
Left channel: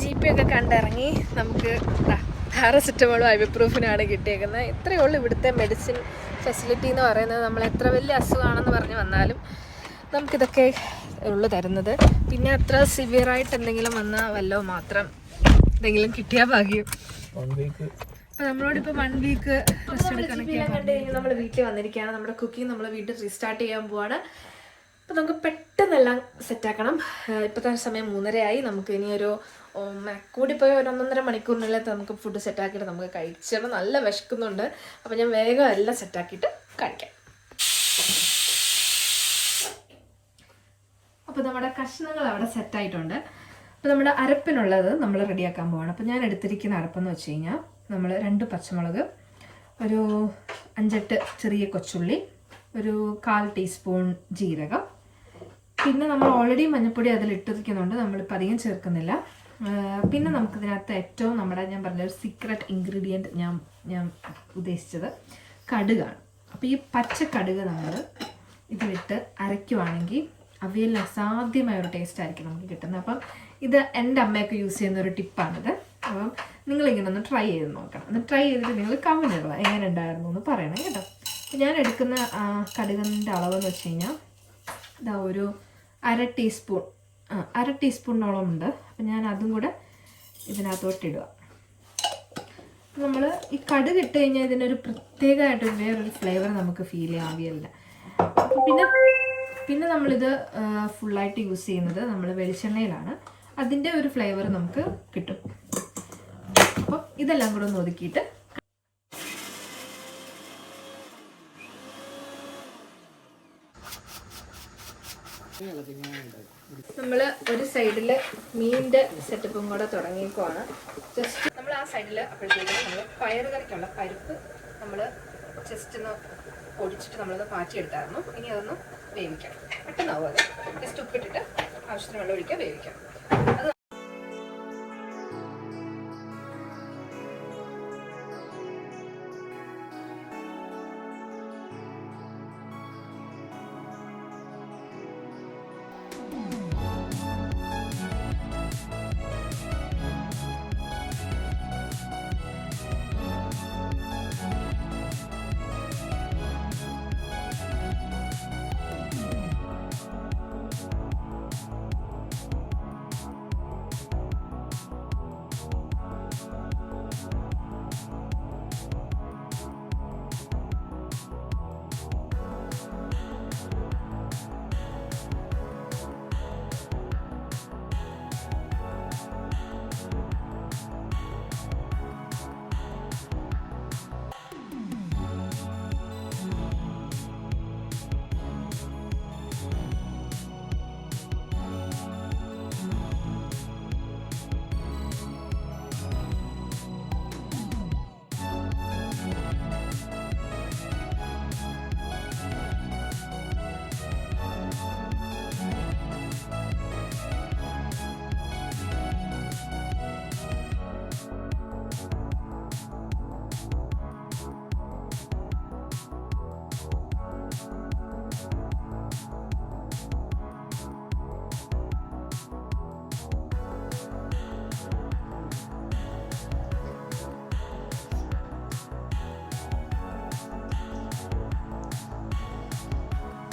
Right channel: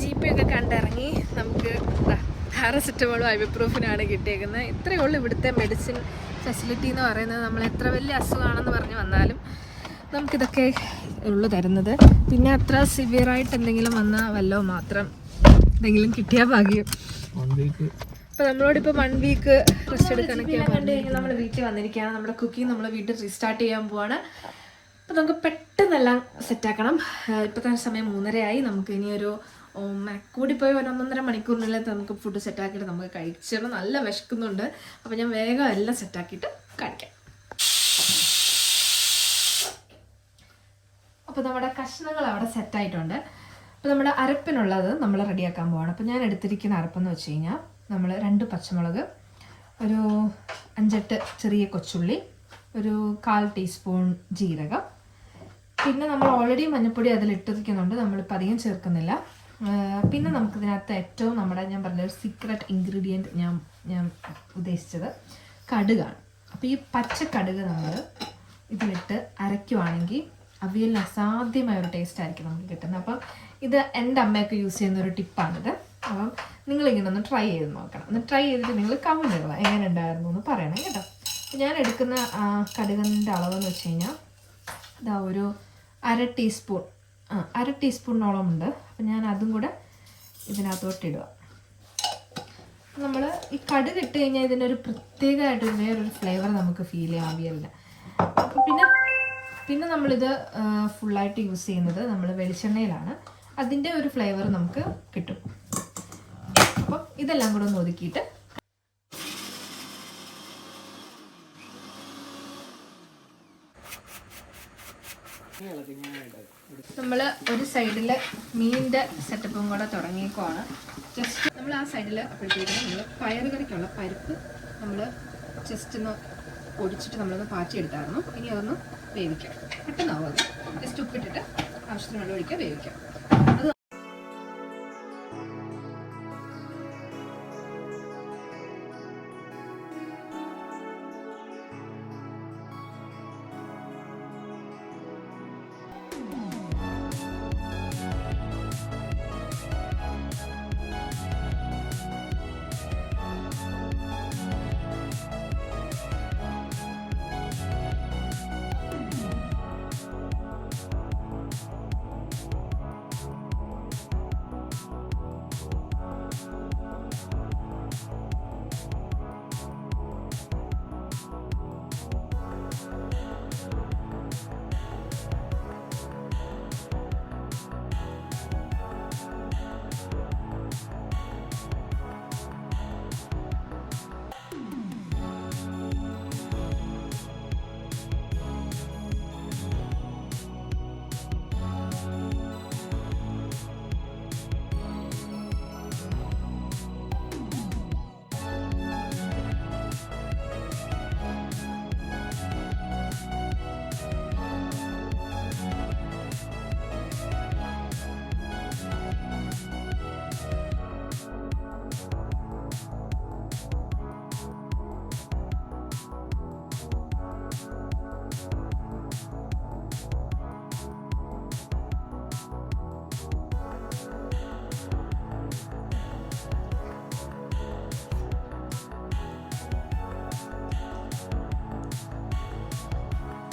GP ഒക്കെ കണ്ടിറങ്ങി നമുക്ക് പാരസെറ്റമോളും ഐബുപ്രൂഫിനാണ് കിട്ടിയേക്കുന്നത്. ഇത്രയേ ഉള്ളൂ ഇവിടുത്തെ മെഡിസിൻ ഫെസിലിറ്റി എന്ന് പറയുന്നത്. നമ്മൾ എത്ര വലിയ അസുഖമാണെന്ന് പറഞ്ഞ് വന്നാലും നമുക്കിതൊക്കെ ഉള്ളു തരുന്നത്. പിന്നെ അത്ര സിവിയറായിട്ട് എന്തെങ്കിലും വന്നാൽ വല്ലോ മാത്രം എന്തെങ്കിലും കിട്ടിയാൽ ഭാഗ്യം. അപ്പോൾ നമ്മളോടിപ്പോൾ 1 വീക്ക് റെസ്റ്റ് എടുക്കാനൊക്കെ കണ്ടു കഴിഞ്ഞാൽ നമ്മൾ വീട്ടിൽ വന്നിരിക്കുകയാണ്. നമ്മുടെ കുക്കിംഗ് നമ്മൾ വീട്ടിൽ റീസ്റ്റാർട്ട് ചെയ്യാൻ പോവാണ്. അപ്പോൾ നമുക്ക് പെട്ടെന്നെല്ലാം സെറ്റാക്കണം. ഇപ്പോഴത്തെ സമയം 3:30 ആയി. നമുക്ക് ഇനിയൊരു കൂടിപ്പോയി ഒരു 1.5 മണിക്കൂറിനുള്ളിൽ നമുക്ക് ഫുഡ് സെറ്റാക്കിയിട്ട് നമുക്ക് കഴിച്ചപ്പോൾ നല്ല വിശക്കുന്നുണ്ട്. അപ്പോൾ ഞാൻ വേഗം എല്ലാം സെറ്റാക്കിയിട്ട് കഴിക്കാം. അപ്പോൾ നമ്മുടെ കഷ്ണങ്ങൾ അവിടെ സെറ്റായിട്ടുണ്ട്. അപ്പോൾ നമ്മുടെ അരപ്പിനുള്ളത് നമ്മൾ റെഡിയാക്കാൻ പോവാണ്. അപ്പോൾ ഞാൻ എടുത്തിരിക്കുന്ന അരപ്പെന്ന് വെച്ച് കഴിഞ്ഞാൽ നമ്മൾ 2 പച്ചമുളക്, ഒരു 5-8 ചെറിയ കൊച്ചുള്ളി, ഒരു 1/4 ടീസ്പൂൺ ജീരകം, പിന്നെ നമ്മൾ ഓൾറെഡി മഞ്ഞൾപ്പൊടി അതിലിട്ടിരിക്കുന്നുണ്ട്, നമ്മളിപ്പോൾ അധികം ചേർക്കുന്നില്ല. പിന്നെ നമുക്കിതിനകത്ത് ഏറ്റവും ഞാൻ പറഞ്ഞൊരു സീക്രട്ട് ഇൻഗ്രീഡിയൻറ്റ് ഞാൻ ഉദ്ദേശിച്ചത് കടുകാണ്. അപ്പോൾ ഈ പച്ച കടുക് നമ്മൾ ഇതിലിട്ട് അരയ്ക്കുവാണെങ്കിൽ അവിയലിന് അസാധ്യമായ ഒരു ടേസ്റ്റ് ആയിരിക്കും നമുക്ക് കിട്ടുന്നത്. അപ്പം ഇത് എൻ്റെ അമ്മയൊക്കെ യൂസ് ചെയ്യുന്ന ഒരു ടിപ്പാണിത്. അപ്പം നിങ്ങളിങ്ങനെ ഒന്ന് ട്രൈ ചെയ്ത് നോക്കണം. ഒന്ന് ട്രൈ ചെയ്തിട്ട് നിങ്ങൾ കമൻറ്റ് ഇടുക എങ്ങനെ ഉണ്ടായിരുന്നു എന്ന് പറയണം കേട്ടോ. അപ്പോൾ ഞാൻ എടുക്കുന്ന കടുകിൻ്റെ അളവെന്ന് വെച്ച് കഴിഞ്ഞാൽ ഇതാ ഒരു 1/2 ടീസ്പൂൺ 1/2 ടീസ്പൂണോളം ഉണ്ട്. അപ്പം ഞാൻ അതും കൂടെ ഇതിനകത്തോട്ടിടുക. നമ്മൾ ഈ കടുക് ഇട്ട് കഴിഞ്ഞാൽ ഇതിനൊരു പ്രത്യേകമായിട്ടൊരു വേറൊരു ഫ്ലേവർ നമുക്ക് ഫീൽ ചെയ്യാം അവിയലിന്. അപ്പോൾ പിന്നെ നമ്മളിത് ഫുള്ളായിട്ട് യൂസ് ചെയ്യുന്നത് നമ്മൾ വെളിച്ചെണ്ണയിലാണ്. അതിൻ്റെ ഒരു ഫ്ലേവർ നമുക്ക് കിട്ടും. അപ്പം ഇതെല്ലാം കൂടെ ഒന്ന് ഒതുക്കിയിട്ട് നമ്മൾ ഒരു സൈഡിൽ മീനിൻ്റെ സെറ്റപ്പും കൂടെ തുടങ്ങിയേക്കുവാണ്. ജസ്റ്റ് നമ്മൾ ആ സൈഡിൽ അപ്പോഴത്തേക്കും നമ്മൾ പയറുകറിക്കുള്ള പരിപ്പ് നമ്മൾ ജസ്റ്റ് ഒന്ന് പൊടിച്ചിട്ട് നമ്മളൊന്ന് പാച്ചിയെടുത്തായിരുന്നു. ഇനി അതൊന്ന് വേവിക്കാം. പെട്ടെന്നാവും അത്. ജസ്റ്റ് ഉപ്പിട്ടിട്ട് ആവശ്യത്തിന് വെള്ളം ഒഴിക്കുക, വേവിക്കാം.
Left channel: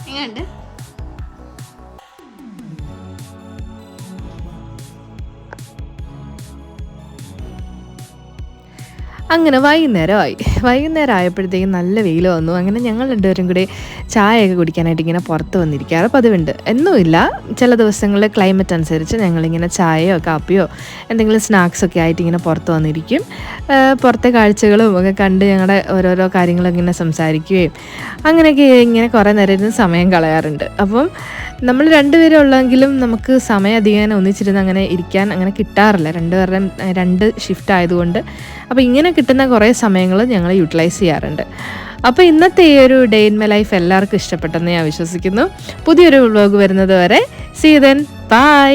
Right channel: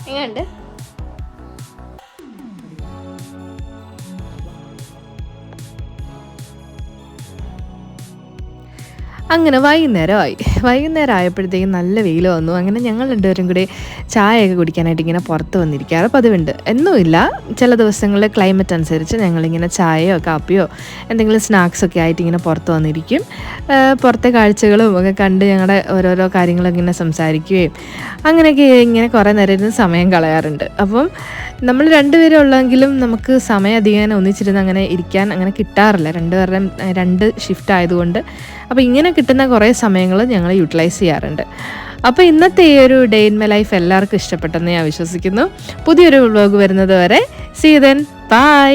എങ്ങനെയുണ്ട്? അങ്ങനെ വൈകുന്നേരം ആയപ്പോഴത്തേക്കും നല്ല വെയിൽ വന്നു. അങ്ങനെ ഞങ്ങൾ രണ്ടുപേരും കൂടി ചായയൊക്കെ കുടിക്കാനായിട്ട് ഇങ്ങനെ പുറത്ത് വന്നിരിക്കാറ് പതിവുണ്ട്. എന്നുമില്ല, ചില ദിവസങ്ങളിൽ ക്ലൈമറ്റ് അനുസരിച്ച് ഞങ്ങളിങ്ങനെ ചായയോ കാപ്പിയോ എന്തെങ്കിലും സ്നാക്സൊക്കെ ആയിട്ട് ഇങ്ങനെ പുറത്ത് വന്നിരിക്കും. പുറത്തെ കാഴ്ചകളും ഒക്കെ കണ്ട് ഞങ്ങളുടെ ഓരോരോ കാര്യങ്ങളൊക്കെ ഇങ്ങനെ സംസാരിക്കുകയും അങ്ങനെയൊക്കെ ഇങ്ങനെ കുറേ നേരം ഇരുന്ന് സമയം കളയാറുണ്ട്. അപ്പം നമ്മൾ രണ്ടുപേരും ഉള്ളെങ്കിലും നമുക്ക് സമയം അധികം ഒന്നിച്ചിരുന്ന് അങ്ങനെ ഇരിക്കാൻ അങ്ങനെ കിട്ടാറില്ല. രണ്ടുപേരുടെയും 2 ഷിഫ്റ്റ് ആയതുകൊണ്ട്. അപ്പോൾ ഇങ്ങനെ കിട്ടുന്ന കുറേ സമയങ്ങൾ ഞങ്ങൾ യൂട്ടിലൈസ് ചെയ്യാറുണ്ട്. അപ്പോൾ ഇന്നത്തെ ഈ ഒരു ഡേ ഇൻ മൈ ലൈഫ് എല്ലാവർക്കും ഇഷ്ടപ്പെട്ടെന്ന് ഞാൻ വിശ്വസിക്കുന്നു. പുതിയൊരു വ്ലോഗ് വരുന്നത് വരെ സീ യു ദെൻ, ബൈ.